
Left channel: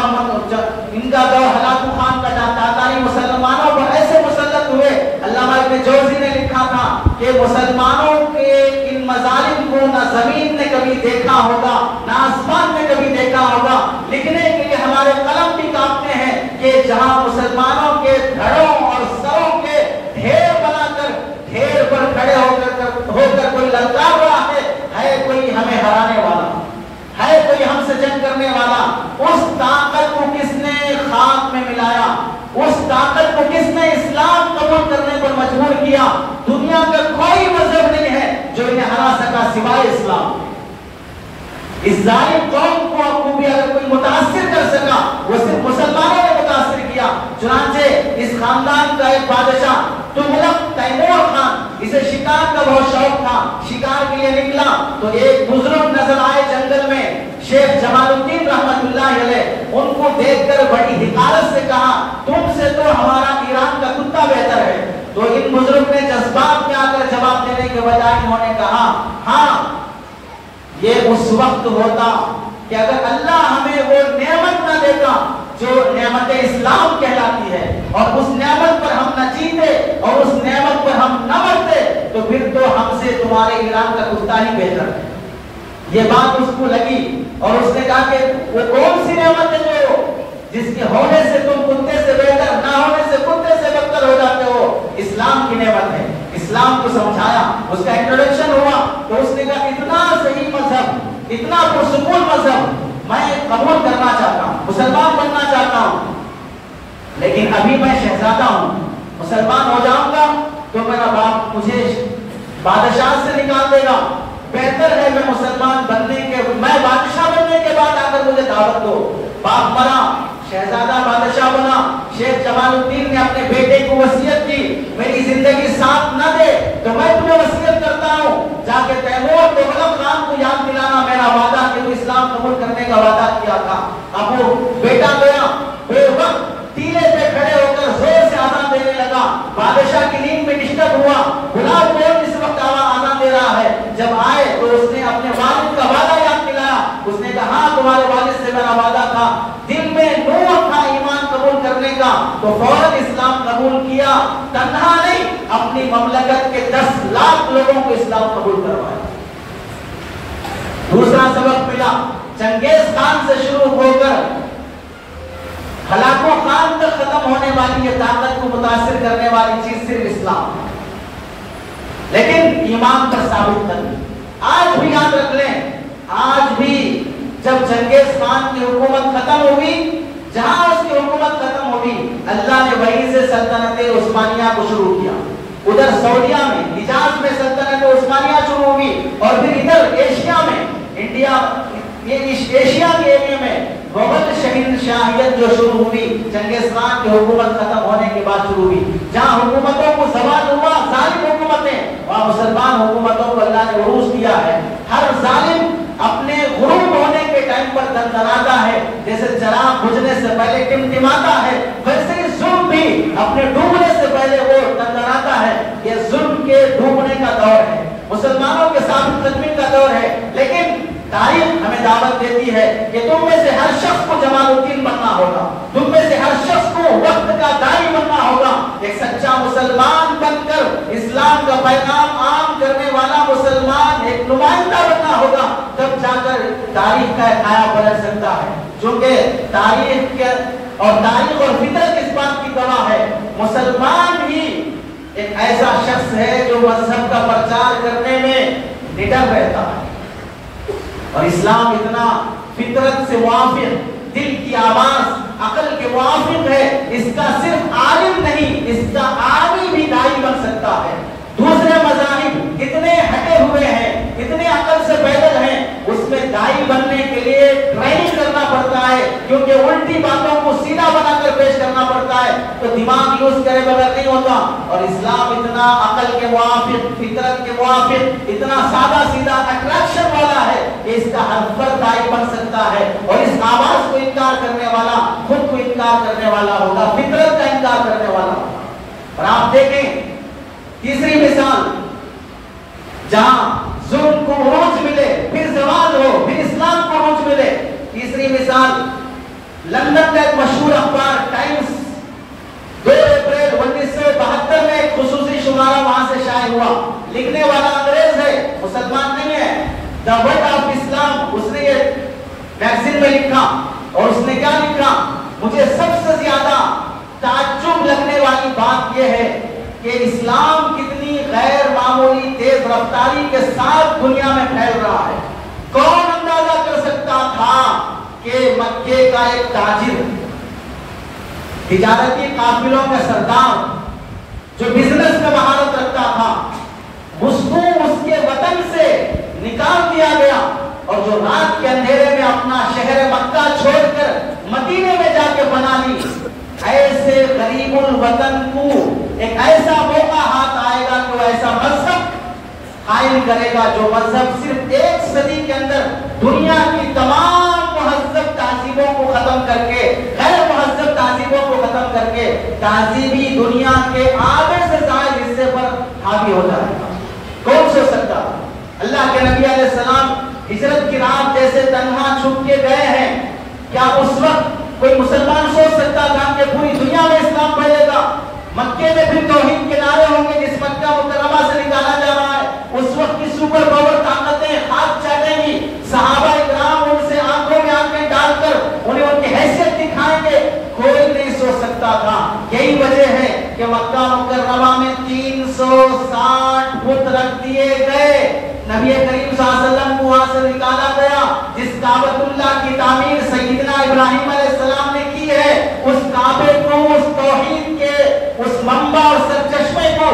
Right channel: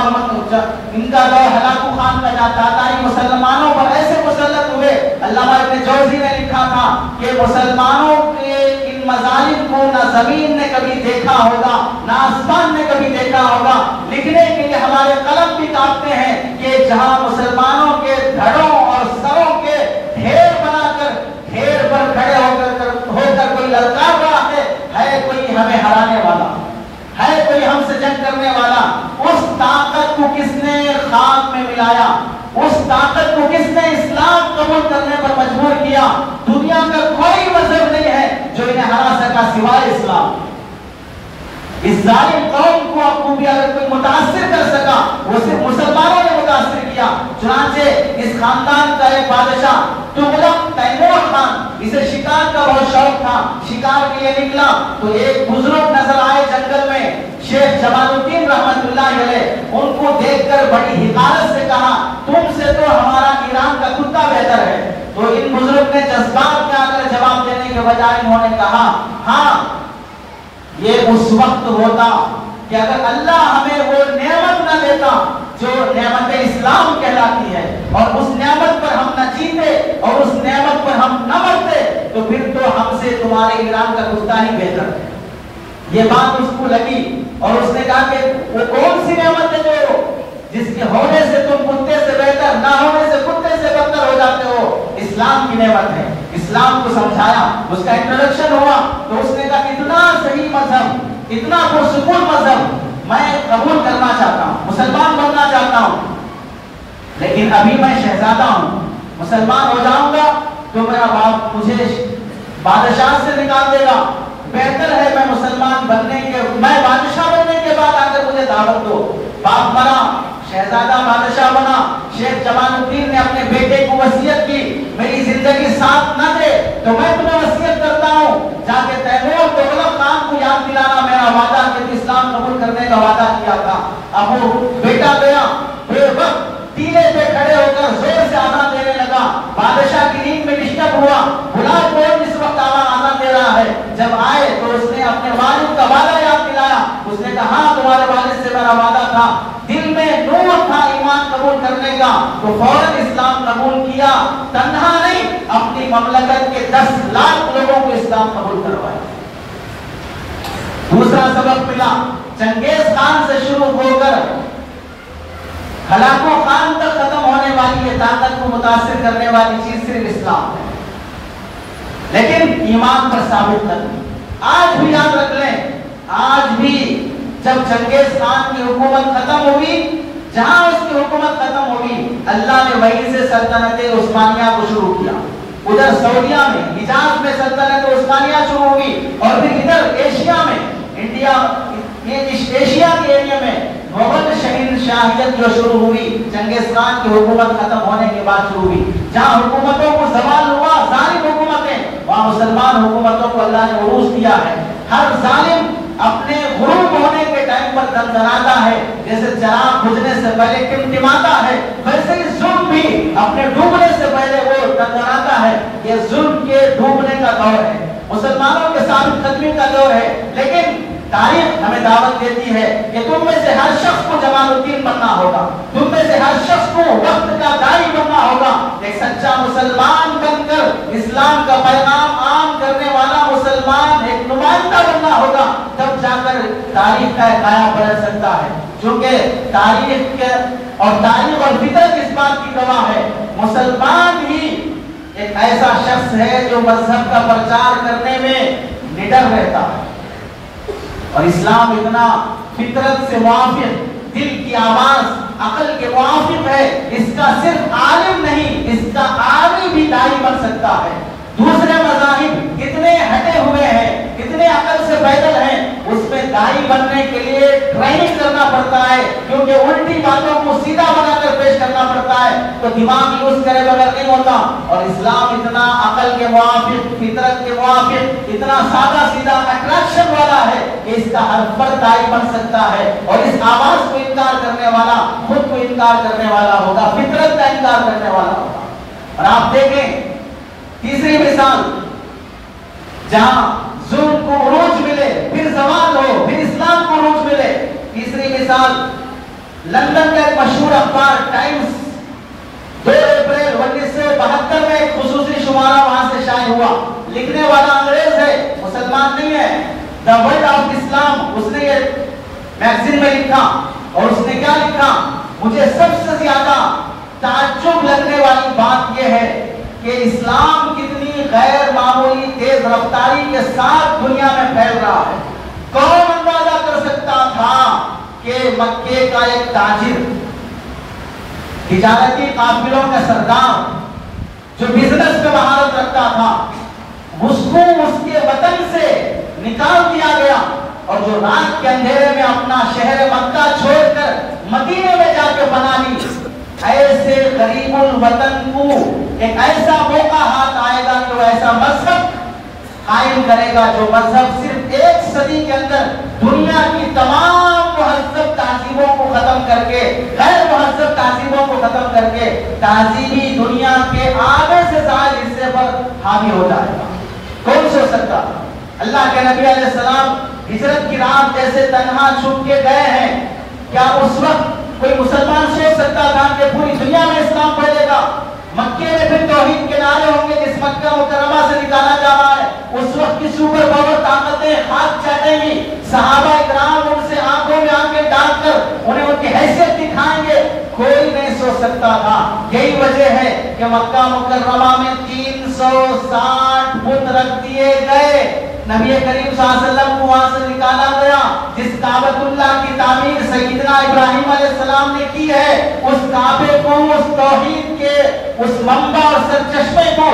ان کا دور, ہلاکو خان کا, جہاں تاتاری مسلمانوں پر ایسے مسلط ہوئے. علامہ ابن جوزی نے لکھا تھا کہ مسلمانوں کے ان مظالم کو نہ زمین نے کبھی دیکھا ہوگا, نہ آسمان نے کبھی دیکھا ہوگا. لکھنے کے لیے ہمارے قلم بھی کانپتے ہیں کہ جہاں مسلمانوں کے دھڑوں اور سروں کے ڈھیر بنا کر ڈھیر پر کھڑے ہو کر کوئی للکار رہا ہے کوئی ہمیں ہرانے والا, ہے کوئی ہم سے جنگ کرنے والا. اس طاقت کو کس نے خاک میں ملایا, اس طاقت کو کس نے اسلام قبول کرنے پر مجبور کیا. دنیا کا کوئی مذہب نہیں ہے جو انہیں ہرا سکا سوائے اسلام. اس ظالم قوم کو بھی اگر کوئی متاثر کر سکا وہ صرف مسلمانوں نے متاثر کیا. چنانچہ اس خاندان کا ایک بادشاہ تغلق تیمور خان, اسے شکار کا بہت شوق تھا, شکار کے لیے نکلا تو ایک بزرگ نظر آئے جنگل میں, شیخ جمال الدین رحمت اللہ علیہ. ان کو دیکھ کر بڑی حقارت سے کہا تم سے تو ہمارا ایران کا کتا بہتر ہے. تو ان بزرگ نے جذبات میں آ کر جواب دینے کے بجائے انہوں نے کہا ہاں یہ اس وقت ہوتا کہ اگر اللہ ہمیں وہ نعمت نہ دیتا جو نعمت اسلام کہلاتی ہے, اور اس نعمت پر ہم نہ جیتے اور اس نعمت پر ہم نہ مرتے, علیہ السلام کا کتا ہی بہتر ہے. یہ بات اس کو لگی اور اس نے کہا کہ وہ کون سی نعمت ہے جو جس کے ہونے سے تم کتے سے بہتر، نہ ہونے سے کتے سے بدتر ہو جاتے ہو؟ اسلام کی نعمت ہے. اسلام کو سمجھایا، اس کا انٹروڈکشن ہوا تو اس نے کہا اتنا صحیح مذہب، اتنا پرسکون مذہب میں قبول کرنا چاہتا ہوں، مسلمان بننا چاہتا ہوں، لیکن ابھی میں شہزادہ ہوں، مسلمان ہو جاؤں گا تو میرا باپ مجھے بادشاہ سے نکال دے گا. بہتر ہے میں مسلمان بننے کے، میں بادشاہ بننے کے بعد آگر مجھے دعوت دو. باپ مرا، شہزادہ بادشاہ بنا. شیخ جمال الدین نے اپنے بیٹے کو وصیت کی میری زندگی ساتھ نہ دے تو میں تمہیں وصیت کرتا ہوں جا کے تیمور تغلق خان کو یاد دلانا میرا وعدہ کہ تو اسلام قبول کرنے کا وعدہ کیا تھا. اب وہ بیٹا گیا، بے وقت ٹیلے پہ کھڑے ہو کر زور سے آزان دینے لگا. بادشاہ کی نیند میں ڈسٹرب ہوا، بلا کون اس وقت آزان دے رہا ہے. جب آئے تو اس نے اپنے والد کا وعدہ یاد دلایا. اس نے کہا ہاں تمہارے والد سے میرا وعدہ تھا. دل میں نور تھا ایمان قبول کرنے کا تو فوراً اسلام قبول کیا. تنہا نہیں، اپنی مملکت کے 10 لاکھ لوگوں کو اسلام قبول کروایا. دوسرا سبق ملا، چنگیز خان سے شروع ہو کر ہلاکو خان تک ختم ہونے والی یہ طاقت کو متاثر کرنے والی چیز صرف اسلام ہے، لیکن ایمان پر ثابت کرنا. آج بھی یاد رکھ لیں، آج بھی جب چنگیز خان کی حکومت ختم ہوئی، جہاں اس کی حکومت ختم ہوئی اللہ نے وہیں سے سلطنت عثمانیہ کو شروع کیا. ادھر سعودیہ میں حجاز میں سلطنت عثمانیہ شروع ہوئی اور پھر ادھر ایشیا میں، انڈیا ایشیا کے ایریا میں مغل شہنشاہیت جو شروع ہوئی چنگیز خان کی حکومت ختم ہونے کے بعد شروع ہوئی. جہاں حکومتوں کو زوال ہوا، ظالم حکومتیں، وہاں مسلمان حکومتوں کو اللہ نے عروج دیا ہے. ہر ظالم اپنے غروب ہونے کے ٹائم پر دندناتا ہے، جیسے چراغ بجھنے سے پہلے ٹمٹماتا ہے، ویسے ہی ظلم بھی اپنے ڈوبنے سے پہلے وہ دندناتا ہے. یہ ظلم کے ڈوبنے کا دور ہے، مسلمانوں کے ثابت قدمی کا دور ہے. لیکن تاریخ ہمیں دعوت دیتی ہے کہ تم میں سے ہر شخص کو جمال الدین بننا ہوگا، تم میں سے ہر شخص کو وقت کا داعی بننا ہوگا، ایک سچا مسلمان بن کر اسلام کا پیغام عام کرنے والا مسلمان، ایک نمائندہ بننا ہوگا. تب جا کر تاریخ کا کایا پلٹ سکتا ہے. چونکہ تاریخ اور فطرت اس بات کی گواہ ہے، مسلمان ہی ایک ایسا شخص ہے جو مذہب کا پرچار کرنے میں نڈر رہتا ہے. اور اسلام اتنا فطرت سے موافق، دل کی آواز عقل کے موافق ہے، اس کا صرف عالم نہیں، اس کا عامی بھی داعی بن سکتا ہے. دوسرے مذاہب کتنے ہٹے ہوئے ہیں، کتنے عقل سے پیدل ہیں، اس میں داعی بننے کے لیے ٹریننگ کرنا پڑتا ہے، کیونکہ الٹی باتوں کو سیدھا بنا کر پیش کرنا پڑتا ہے تو دماغ یوز کرے بغیر نہیں ہوتا. اور اسلام اتنا عقل کے موافق، فطرت کے موافق، اتنا سادہ سیدھا اٹریکشن والا ہے کہ اس کا ہر فرد داعی بن سکتا ہے. اور اس آواز کو انکار کرنے والا خود کو انکار کرنے والا ہوگا، فطرت کا انکار کرنے والا ہوگا. اور آپ دیکھیں تیسری مثال، جہاں ظلم کو عروج ملے، پھر زوال ہو، پھر اسلام کو عروج ملے. تیسری مثال لندن کا ایک مشہور اخبار ٹائمز 2 اپریل 1972 میں ایک خصوصی شمارہ وہاں سے شائع ہوا. لکھنے والا انگریز ہے، مسلمان نہیں ہے. دا ورڈ آف اسلام اس نے یہ میگزین میں لکھا اور اس نے کیا لکھا؟ مجھے سب سے زیادہ تعجب لگنے والی بات یہ ہے کہ اسلام کتنی غیر معمولی تیز رفتاری کے ساتھ دنیا میں پھیل رہا ہے. کون اندازہ کر سکتا تھا کہ مکے کا ایک تاجر، تجارتی قافلوں کا سردار جو بزنس میں مہارت رکھتا تھا، اس کو اس کے وطن سے نکال دیا گیا اور جو رات کے اندھیرے میں اپنا شہر مکہ چھوڑ کر مدینے میں جا کے بنا لی. ایسے غریب الوطن کو ایک ایسا موقع ہاتھ آئے گا کہ وہ ایسا مذہب قائم کرے گا جو مذہب صرف 1 صدی کے اندر دنیا کی تمام مہذب تہذیبوں کو ختم کر کے، غیر مہذب تہذیبوں کو ختم کر کے تہذیبی دنیا کے آدھے سے زائد حصے پر حاوی ہو جائے گا. کون سوچ سکتا؟ اللہ کے نبی علیہ السلام ہجرت کی رات جیسے تنہا چھپ کے گئے ہیں، کیا اس وقت کوئی مسلمان سوچ سکتا تھا کہ پوری دنیا میں اسلام پھیلے گا؟ مکے میں پھر توحید کے نعرے ہوں گے، جس مکہ مکرمہ سے نکالا جا رہا ہے اس وقت کسی کہ مکہ مکرمہ میں 360 بت رکھ دیے گئے. نبی کریم صلی اللہ علیہ وسلم کو وہاں سے نکالا گیا. جس کعبۃ اللہ کی تعمیر سیدنا ابراہیم علیہ السلام نے کی ہے, اس کعبے کو, اس توحید کے اس منبع اور سرچشمے کو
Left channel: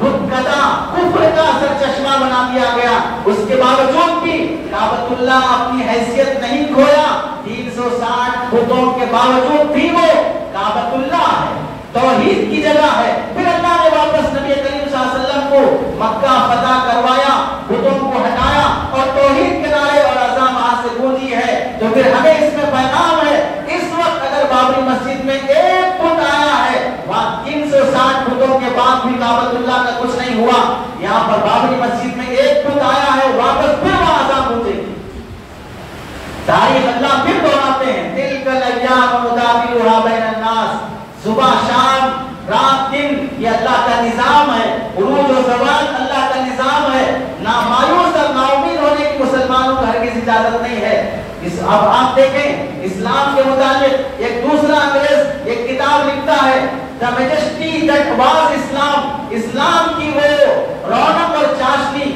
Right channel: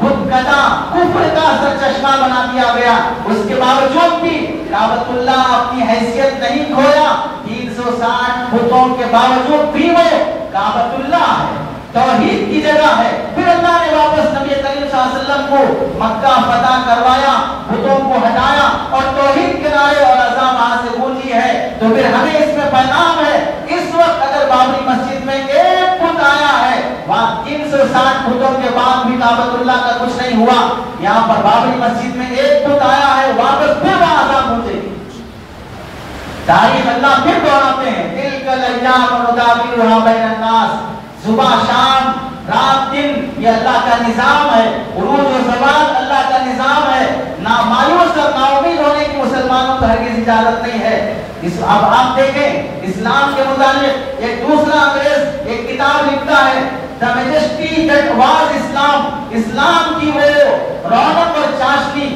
بتکدہ کفر کا سرچشمہ بنا دیا گیا. اس کے باوجود بھی کعبۃ اللہ اپنی حیثیت نہیں کھویا. 360 بتوں کے باوجود بھی وہ کعبۃ اللہ ہے, توحید کی جگہ ہے. پھر اللہ نے واپس نبی کریم صلی اللہ علیہ وسلم کو مکہ فتح کروایا, بتوں کو ہٹایا اور توحید کے نعرے اور اذان وہاں سے گونجی ہے. تو پھر ہمیں اس میں پیغام ہے, اس وقت اگر بابری مسجد میں ایک بت آیا ہے, وہاں 360 بتوں کے بعد بھی کعبۃ اللہ کا کچھ نہیں ہوا. یہاں پر بابری مسجد میں ایک بت آیا ہے, واپس پھر وہاں اذان گونجے گی. تاریخ اللہ پھر دہراتے ہیں, تلک الایام نداولها بین الناس. صبح شام رات دن یہ اللہ کا نظام ہے, عروج و زوال اللہ کا نظام ہے. نہ مایوس اور نا امید ہونے کی مسلمانوں کو ہرگز اجازت نہیں ہے. اب آپ دیکھیں اسلام کے متعلق ایک دوسرا انگریز ایک کتاب لکھتا ہے, The Majesty That Was Islam. اسلام کی وہ رونق اور چاشنی.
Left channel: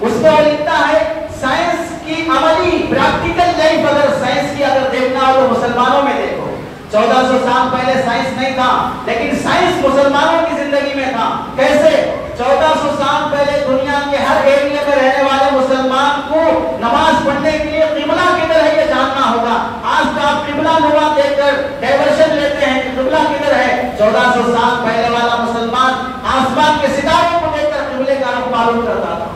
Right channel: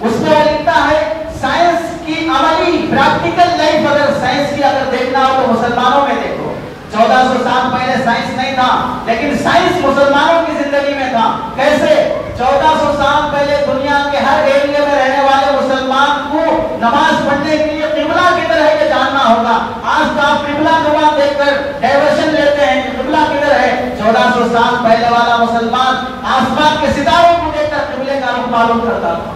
اس میں وہ لکھتا ہے سائنس کی عملی پریکٹیکل لائف, اگر سائنس کی اگر دیکھنا ہو تو مسلمانوں میں دیکھو. 1400 سال پہلے سائنس نہیں تھا, لیکن سائنس مسلمانوں کی زندگی میں تھا. کیسے؟ 1400 سال پہلے دنیا کے ہر ایریا میں رہنے والے مسلمان کو نماز پڑھنے کے لیے قبلہ کدھر ہے یہ جاننا ہوگا. آج کا آپ قبلہ نما دیکھ کر ڈائیورشن لیتے ہیں کہ قبلہ کدھر ہے. 1400 سال پہلے والا مسلمان آسمان کے ستاروں کو دیکھ کر قبلے کا رخ معلوم کرتا تھا.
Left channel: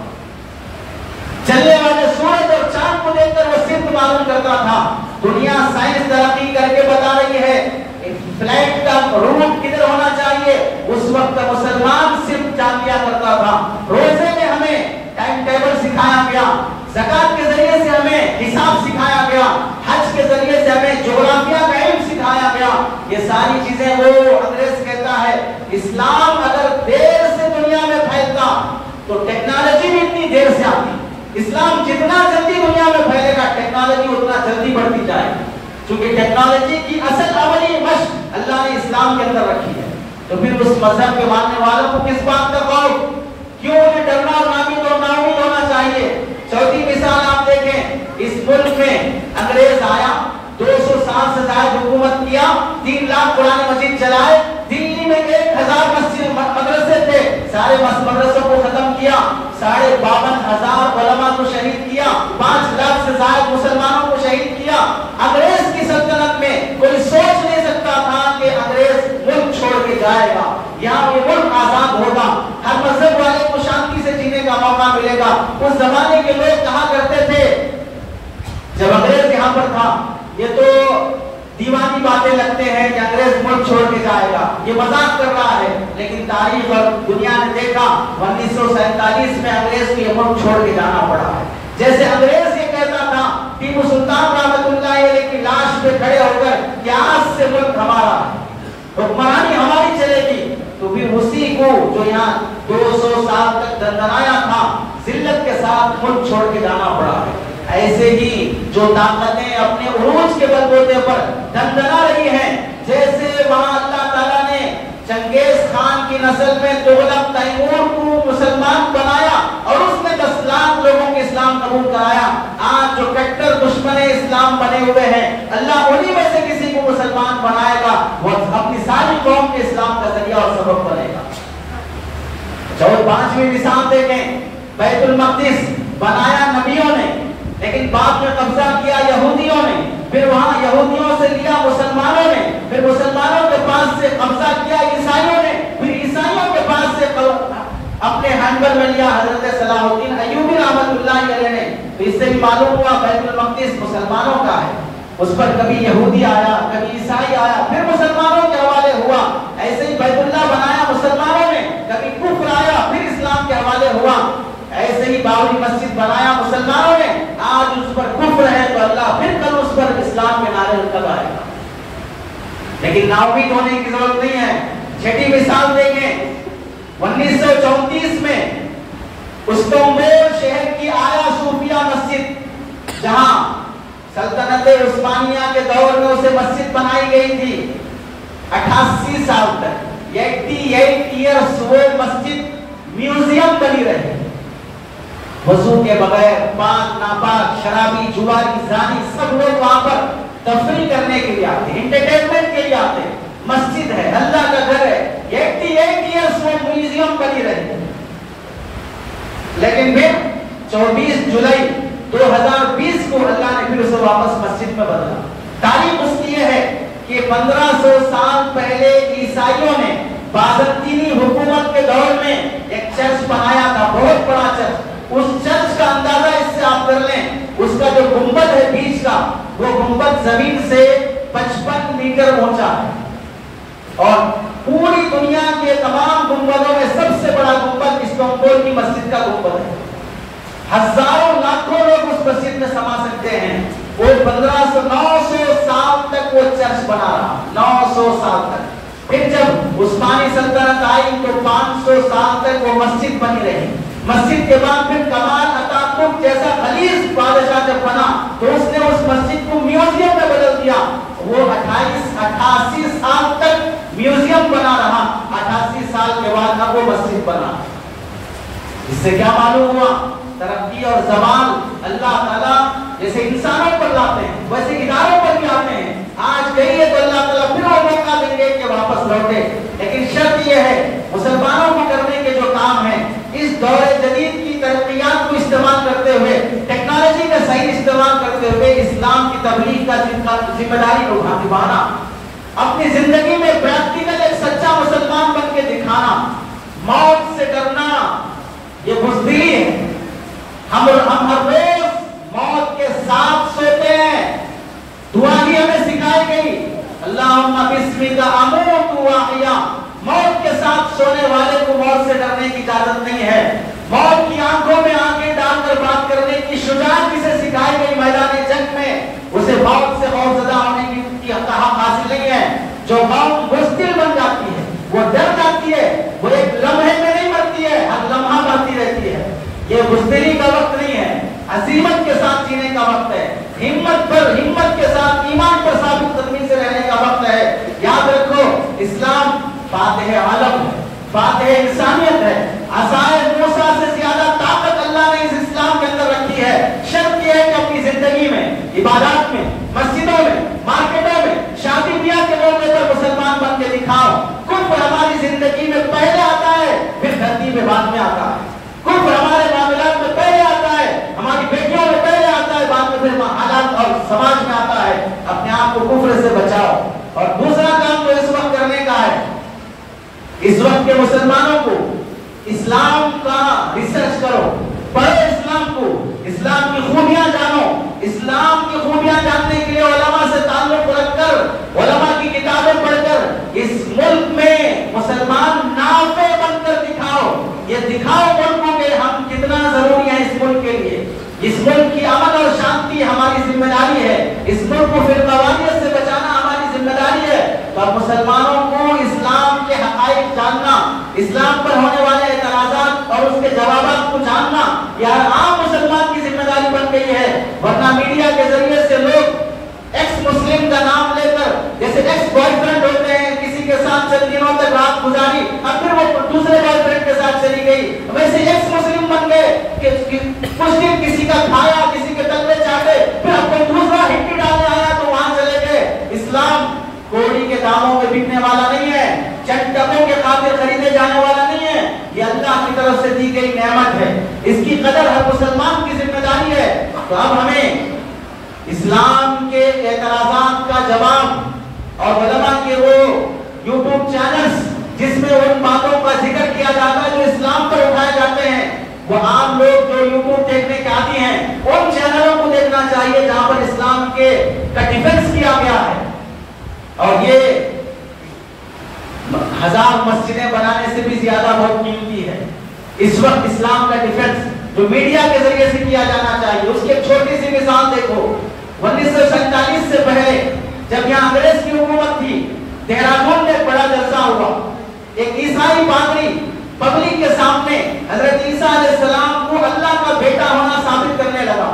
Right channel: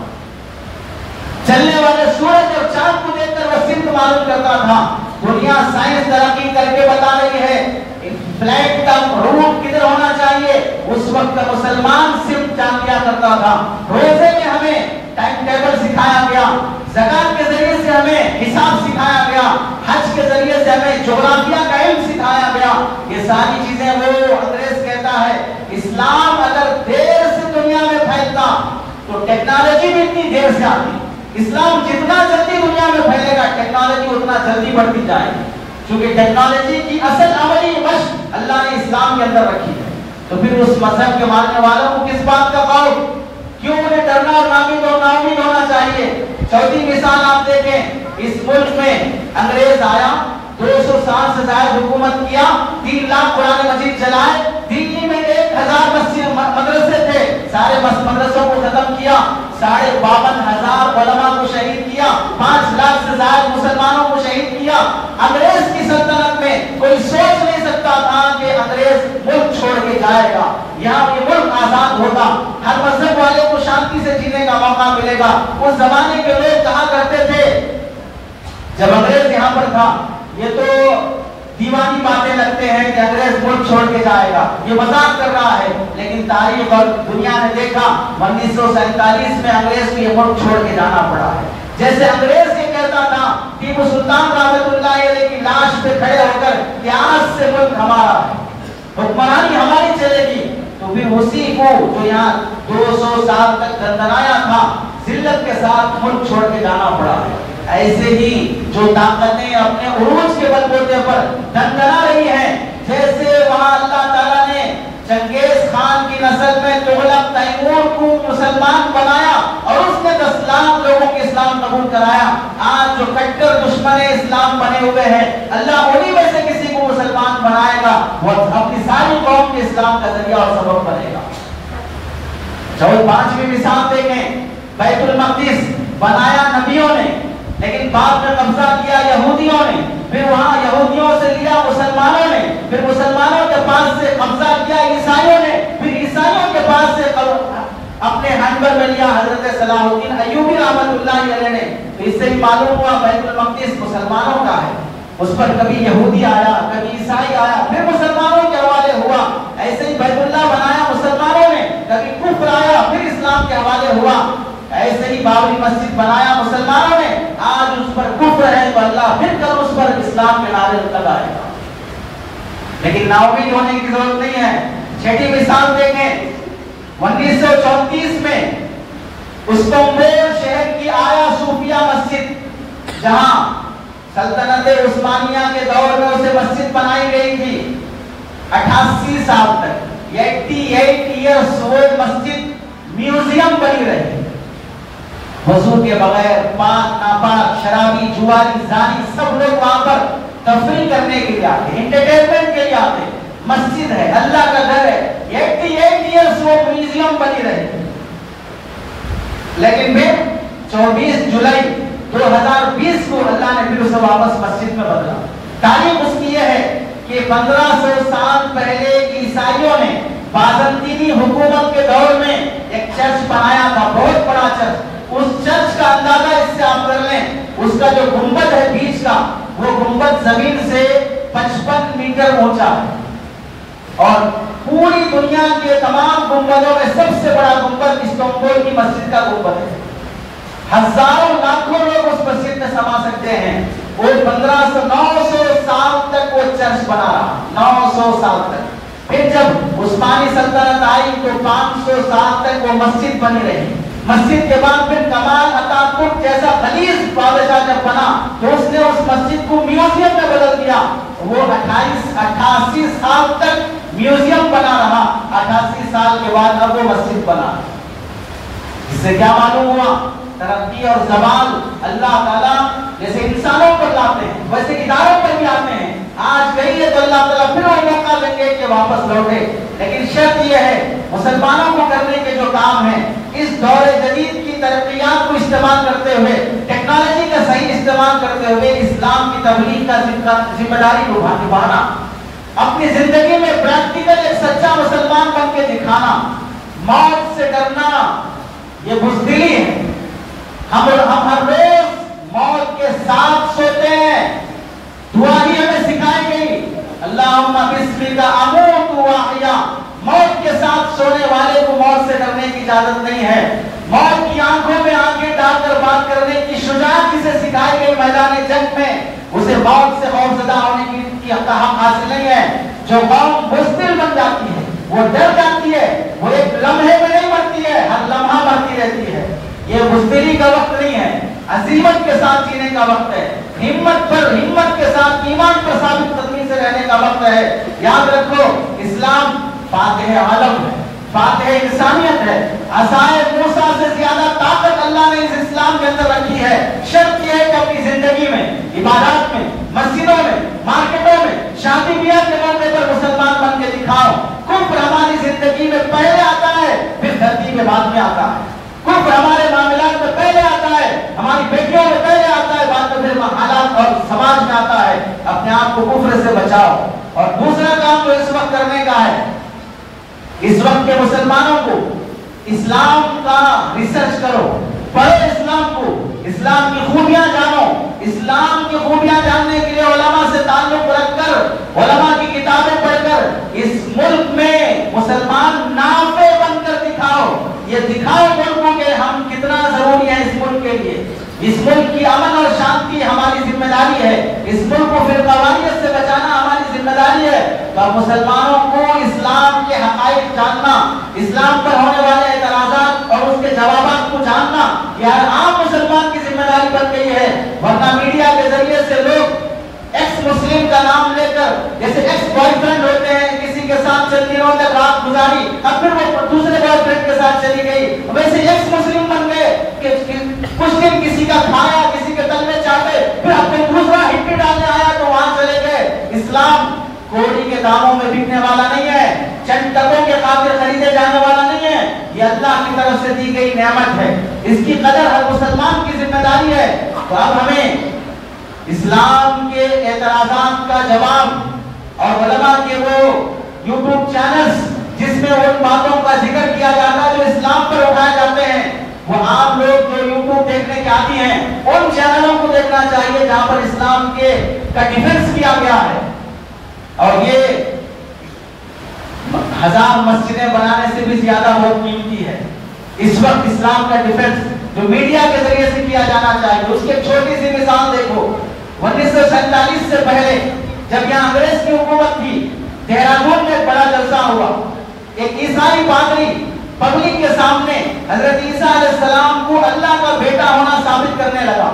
چلنے والے سورج اور چاند کو دیکھ کر وہ سمت معلوم کرتا تھا. دنیا سائنس ترقی کر کے بتا رہی ہے فلائٹ کا روٹ کدھر ہونا چاہیے, اس وقت کا مسلمان صرف جان لیا کرتا تھا. روزے میں ہمیں ٹائم ٹیبل سکھایا گیا, زکات کے ذریعے سے ہمیں حساب سکھایا گیا, حج کے ذریعے سے ہمیں جغرافیہ کا علم سکھایا گیا. یہ ساری چیزیں وہ انگریز کہتا ہے اسلام اگر دیر سے دنیا میں پھیلتا تو ٹیکنالوجی بھی اتنی دیر سے آتی. اسلام جتنا جلدی دنیا میں پھیلے گا ٹیکنالوجی اتنا جلدی بڑھتی جائے گی, کیونکہ ٹیکنالوجی کی اصل عملی مشق اللہ نے اسلام کے اندر رکھی ہے. تو پھر اس مذہب کے ماننے والوں کو کس بات کا قول, کیوں انہیں ڈرنا اور ناامید ہونا چاہیے. چوتھی مثال آپ دیکھیں, اس ملک میں انگریز آیا, 200 سال سے زائد حکومت کیا, 3 لاکھ قرآن مجید چلائے. دلی میں 1000 مدرسے تھے, سارے مدرسوں کو ختم کیا. 52,500 علماء کو شہید کیا. 5 لاکھ سے زائد مسلمانوں کو شہید کیا. انگریز کی سلطنت میں کوئی سوچ نہیں سکتا تھا کہ انگریز ملک چھوڑ کے جائے گا. یہاں یہ ملک آزاد ہوگا, ہر مذہب والے کو شانتی سے جینے کا موقع ملے گا. اس زمانے کے لوگ کہا کرتے تھے جب انگریز یہاں پر تھا, یہ تو دیوانی باتیں لگتے ہیں کہ انگریز ملک چھوڑ کے جائے گا, یہ مذاق کر رہا ہے. لیکن تاریخ اور دنیا نے دیکھا 1947 میں انگریز کو یہ ملک چھوڑ کے جانا پڑا ہے. جیسے انگریز یہ کہتا تھا ٹیپو سلطان رحمۃ اللہ علیہ کی لاش پہ کھڑے ہو کر کہ آج سے ملک ہمارا ہے, حکمرانی ہماری چلے گی, تو پھر اسی کو جو یہاں 200 سال تک دندنایا تھا ذلت کے ساتھ ملک چھوڑ کے جانا پڑا ہے. ایسے ہی جو طاقتیں اپنے عروج کے بل بوتے پر دندنا رہی ہیں, جیسے وہاں اللہ تعالیٰ نے چنگیز خان کی نسل میں تغلق تیمور کو مسلمان بنایا اور اس نے 10 لاکھ لوگوں کے اسلام قبول کرایا. آج جو کٹر دشمن اسلام بنے ہوئے ہیں, اللہ انہی میں سے کسی کو مسلمان بنائے گا, وہ اپنی ساری قوم کے اسلام کا ذریعہ اور سبب بنے گا. 5ویں مثال دیکھیں, بیت المقدس بنایا نبیوں نے, لیکن بعد میں قبضہ کیا یہودیوں نے, پھر وہاں یہودیوں سے لیا مسلمانوں نے, پھر مسلمانوں کے پاس سے قبضہ کیا عیسائیوں نے, پھر عیسائیوں کے پاس سے اپنے ہینڈل میں لیا حضرت صلاح الدین ایوبی رحمۃ اللہ علیہ نے. اس سے بھی معلوم ہوا بیت المقدس مسلمانوں کا ہے. اس پر کبھی یہودی آیا, کبھی عیسائی آیا, پھر مسلمانوں کے حوالے ہوا. ایسے ہی بیت اللہ بنایا مسلمانوں نے, کبھی کفر آیا, پھر اسلام کے حوالے ہوا. ایسے ہی بابری مسجد بنایا مسلمانوں نے, آج اس پر کفر ہے تو اللہ پھر کل اس پر اسلام کے نعرے لگائے گا. لیکن ناامید ہونے کی ضرورت نہیں ہے. 6ٹھی مثال دیکھیں, 1934 میں استنبول شہر کی آیا صوفیہ مسجد, جہاں سلطنت عثمانیہ کے دور میں اسے مسجد بنائی گئی تھی 88 سال تک. 88 ایئرس وہ مسجد میوزیم بنی رہی، وضو کے بغیر، پاک ناپاک، شرابی، جواری، زانی سب لوگ وہاں پر تفریح کرنے کے لیے آتے ہیں، انٹرٹینمنٹ کے لیے آتے ہیں، مسجد ہے، اللہ کا گھر ہے، 88 ایئرس وہ میوزیم بنی رہی۔ لیکن پھر 24 جولائی 2020 کو اللہ نے پھر اسے واپس مسجد میں بدلا۔ تاریخ اس کی یہ ہے کہ 1500 سال پہلے عیسائیوں نے بازنطینی حکومت کے دور میں ایک چرچ بنایا تھا، بہت بڑا چرچ۔ اس چرچ کا اندازہ اس سے آپ کر لیں، اس کا جو گنبد ہے بیچ کا، وہ گنبد زمین سے 55 میٹر اونچا ہے، اور پوری دنیا کے تمام گنبدوں میں سب سے بڑا گنبد استنبول کی مسجد کا گنبد ہے۔ ہزاروں لاکھوں لوگ اس مسجد میں سما سکتے ہیں۔ وہ 900 سال تک وہ چرچ بنا رہا، 900 سال تک۔ پھر جب عثمانی سلطنت آئی تو 500 سال تک وہ مسجد بنی رہی۔ مسجد کے بعد پھر کمال اتاتürk جیسا خلیج بادشاہ جب بنا تو اس نے اس مسجد کو میوزیم میں بدل دیا۔ وہ 88 سال تک میوزیم بنا رہا، 88 سال کے بعد اب وہ مسجد بنا۔ اس سے کیا معلوم ہوا؟ ترقی اور زوال اللہ تعالیٰ جیسے انسانوں پر لاتے ہیں ویسے اداروں پر بھی آتے ہیں۔ آج گئی ہے تو اللہ تعالیٰ پھر وہ موقع دیں گے کہ واپس لوٹے، لیکن شرط یہ ہے مسلمانوں کو کرنے کے جو کام ہیں اس دور جدید کی ترقیات کو استعمال کرتے ہوئے، ٹیکنالوجی کا صحیح استعمال کرتے ہوئے اسلام کی تبلیغ کا ذمہ داری کو نبھانا، اپنی زندگی میں پریکٹیکل ایک سچا مسلمان بن کے دکھانا، موت سے ڈرنا یہ بزدلی ہے۔ ہم ہر روز موت کے ساتھ سوتے ہیں، دعا بھی ہمیں سکھائی گئی، اللہم بسمک اموت و احیا۔ موت کے ساتھ سونے والے کو موت سے ڈرنے کی اجازت نہیں ہے۔ موت کی آنکھوں میں آنکھیں ڈال کر بات کرنے کی شجاعت جسے سکھائی گئی میدان جنگ میں، اسے موت سے خوفزدہ ہونے کی حق حاصل نہیں ہے۔ جو قوم بزدل بن جاتی ہے، وہ ڈر جاتی ہے، وہ ایک لمحے میں نہیں مرتی ہے، ہر لمحہ مرتی رہتی ہے۔ یہ بزدلی کا وقت نہیں ہے، عزیمت کے ساتھ جینے کا وقت ہے، ہمت کے ساتھ ایمان پر ثابت قدمی سے رہنے کا وقت ہے۔ یاد رکھو اسلام فاتح عالم ہے، فاتح انسانیت ہے۔ عصائے موسیٰ سے زیادہ طاقت اللہ نے اس اسلام کے اندر رکھی ہے۔ شرط یہ ہے کہ اپنی زندگی میں، عبادات میں، مسجدوں میں، مارکیٹوں میں، شادی بیاہ کے موقع پر مسلمان بن کے دکھاؤ۔ کفر ہماری زندگی میں پہلے آتا ہے، پھر دھرتی میں بعد میں آتا ہے۔ کفر ہمارے معاملات میں پہلے آتا ہے، ہماری بیٹیوں میں پہلے آتا ہے، بعد میں پھر حالات اور سماج میں آتا ہے۔ اپنے آپ کو کفر سے بچاؤ۔ اور دوسرا کام تو اس وقت کرنے کا ہے، اس وقت کے مسلمانوں کو اسلام کا ریسرچ کرو، پڑھو اسلام کو، اسلام کی خوبیاں جانو۔ اسلام کی خوبیاں جاننے کے لیے علماء سے تعلق رکھ کر، علماء کی کتابیں پڑھ کر اس ملک میں مسلمان نافع بن کر دکھاؤ۔ یہ دکھاؤ ملک کو کہ ہم کتنا ضروری ہے اس ملک کے لیے۔ اس ملک کی امن اور شانتی ہماری ذمہ داری ہے، اس ملک کو فرقواریت سے بچانا ہماری ذمہ داری ہے۔ اور مسلمانوں کو اسلام کے حقائق جاننا، اسلام پر ہونے والے اعتراضات اور اس کے جوابات کو جاننا یہ ہر عام مسلمان کی ذمہ داری بن گئی ہے۔ ورنہ میڈیا کے ذریعے سے لوگ ایکس مسلم کا نام لے کر، جیسے ایکس بوائے فرینڈ ہوتے ہیں، کسی کے ساتھ چند دنوں تک رات گزاری، اب پھر وہ دوسرے بوائے فرینڈ کے ساتھ چلی گئی، ویسے ایکس مسلم بن گئے کہ کچھ دن کسی کا کھایا، کسی کے تلوے چاٹے، پھر اپنے دوسرا ہٹی ڈالنے آیا تو وہاں چلے گئے۔ اسلام کوڑی کے داموں میں بکنے والا نہیں ہے، چند ٹکوں کے خاطر خریدے جانے والا نہیں ہے، یہ اللہ کی طرف سے دی گئی نعمت ہے، اس کی قدر ہر مسلمان کی ذمہ داری ہے۔ تو اب ہمیں اسلام کے اعتراضات کا جواب اور علماء کے وہ یوٹیوب چینلز جس میں ان باتوں کا ذکر کیا جاتا ہے جو اسلام پر اٹھائے جاتے ہیں، وہ عام لوگ جو یوٹیوب دیکھنے کے عادی ہیں ان چینلوں کو دیکھنا چاہیے جہاں پر اسلام کے کا ڈیفنس کیا گیا ہے۔ اور یہ 1000 مسجدیں بنانے سے بھی زیادہ بہت قیمتی ہے۔ اس وقت اسلام کا ڈیفنس جو میڈیا کے ذریعے سے کیا جانا چاہیے، اس کی ایک چھوٹی سی مثال دیکھو۔ 1947 سے پہلے جب یہاں انگریز کی حکومت تھی، دہرادون میں بڑا جلسہ ہوا۔ ایک عیسائی پادری پبلک کے سامنے حضرت عیسیٰ علیہ السلام کو اللہ کا بیٹا ہونا ثابت کرنے لگا،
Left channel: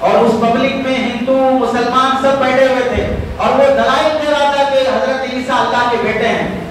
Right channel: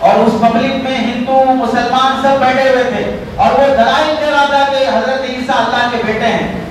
اور اس پبلک میں ہندو مسلمان سب بیٹھے ہوئے تھے، اور وہ دلائل دے رہا تھا کہ حضرت عیسیٰ اللہ کے بیٹے ہیں۔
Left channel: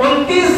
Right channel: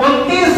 29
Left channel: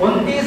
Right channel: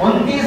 29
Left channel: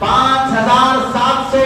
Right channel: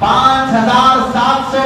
5,700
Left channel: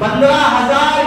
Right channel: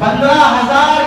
15,000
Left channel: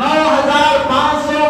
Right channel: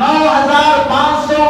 9,500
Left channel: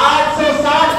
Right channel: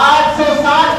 860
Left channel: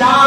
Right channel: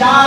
4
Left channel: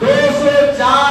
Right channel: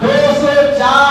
204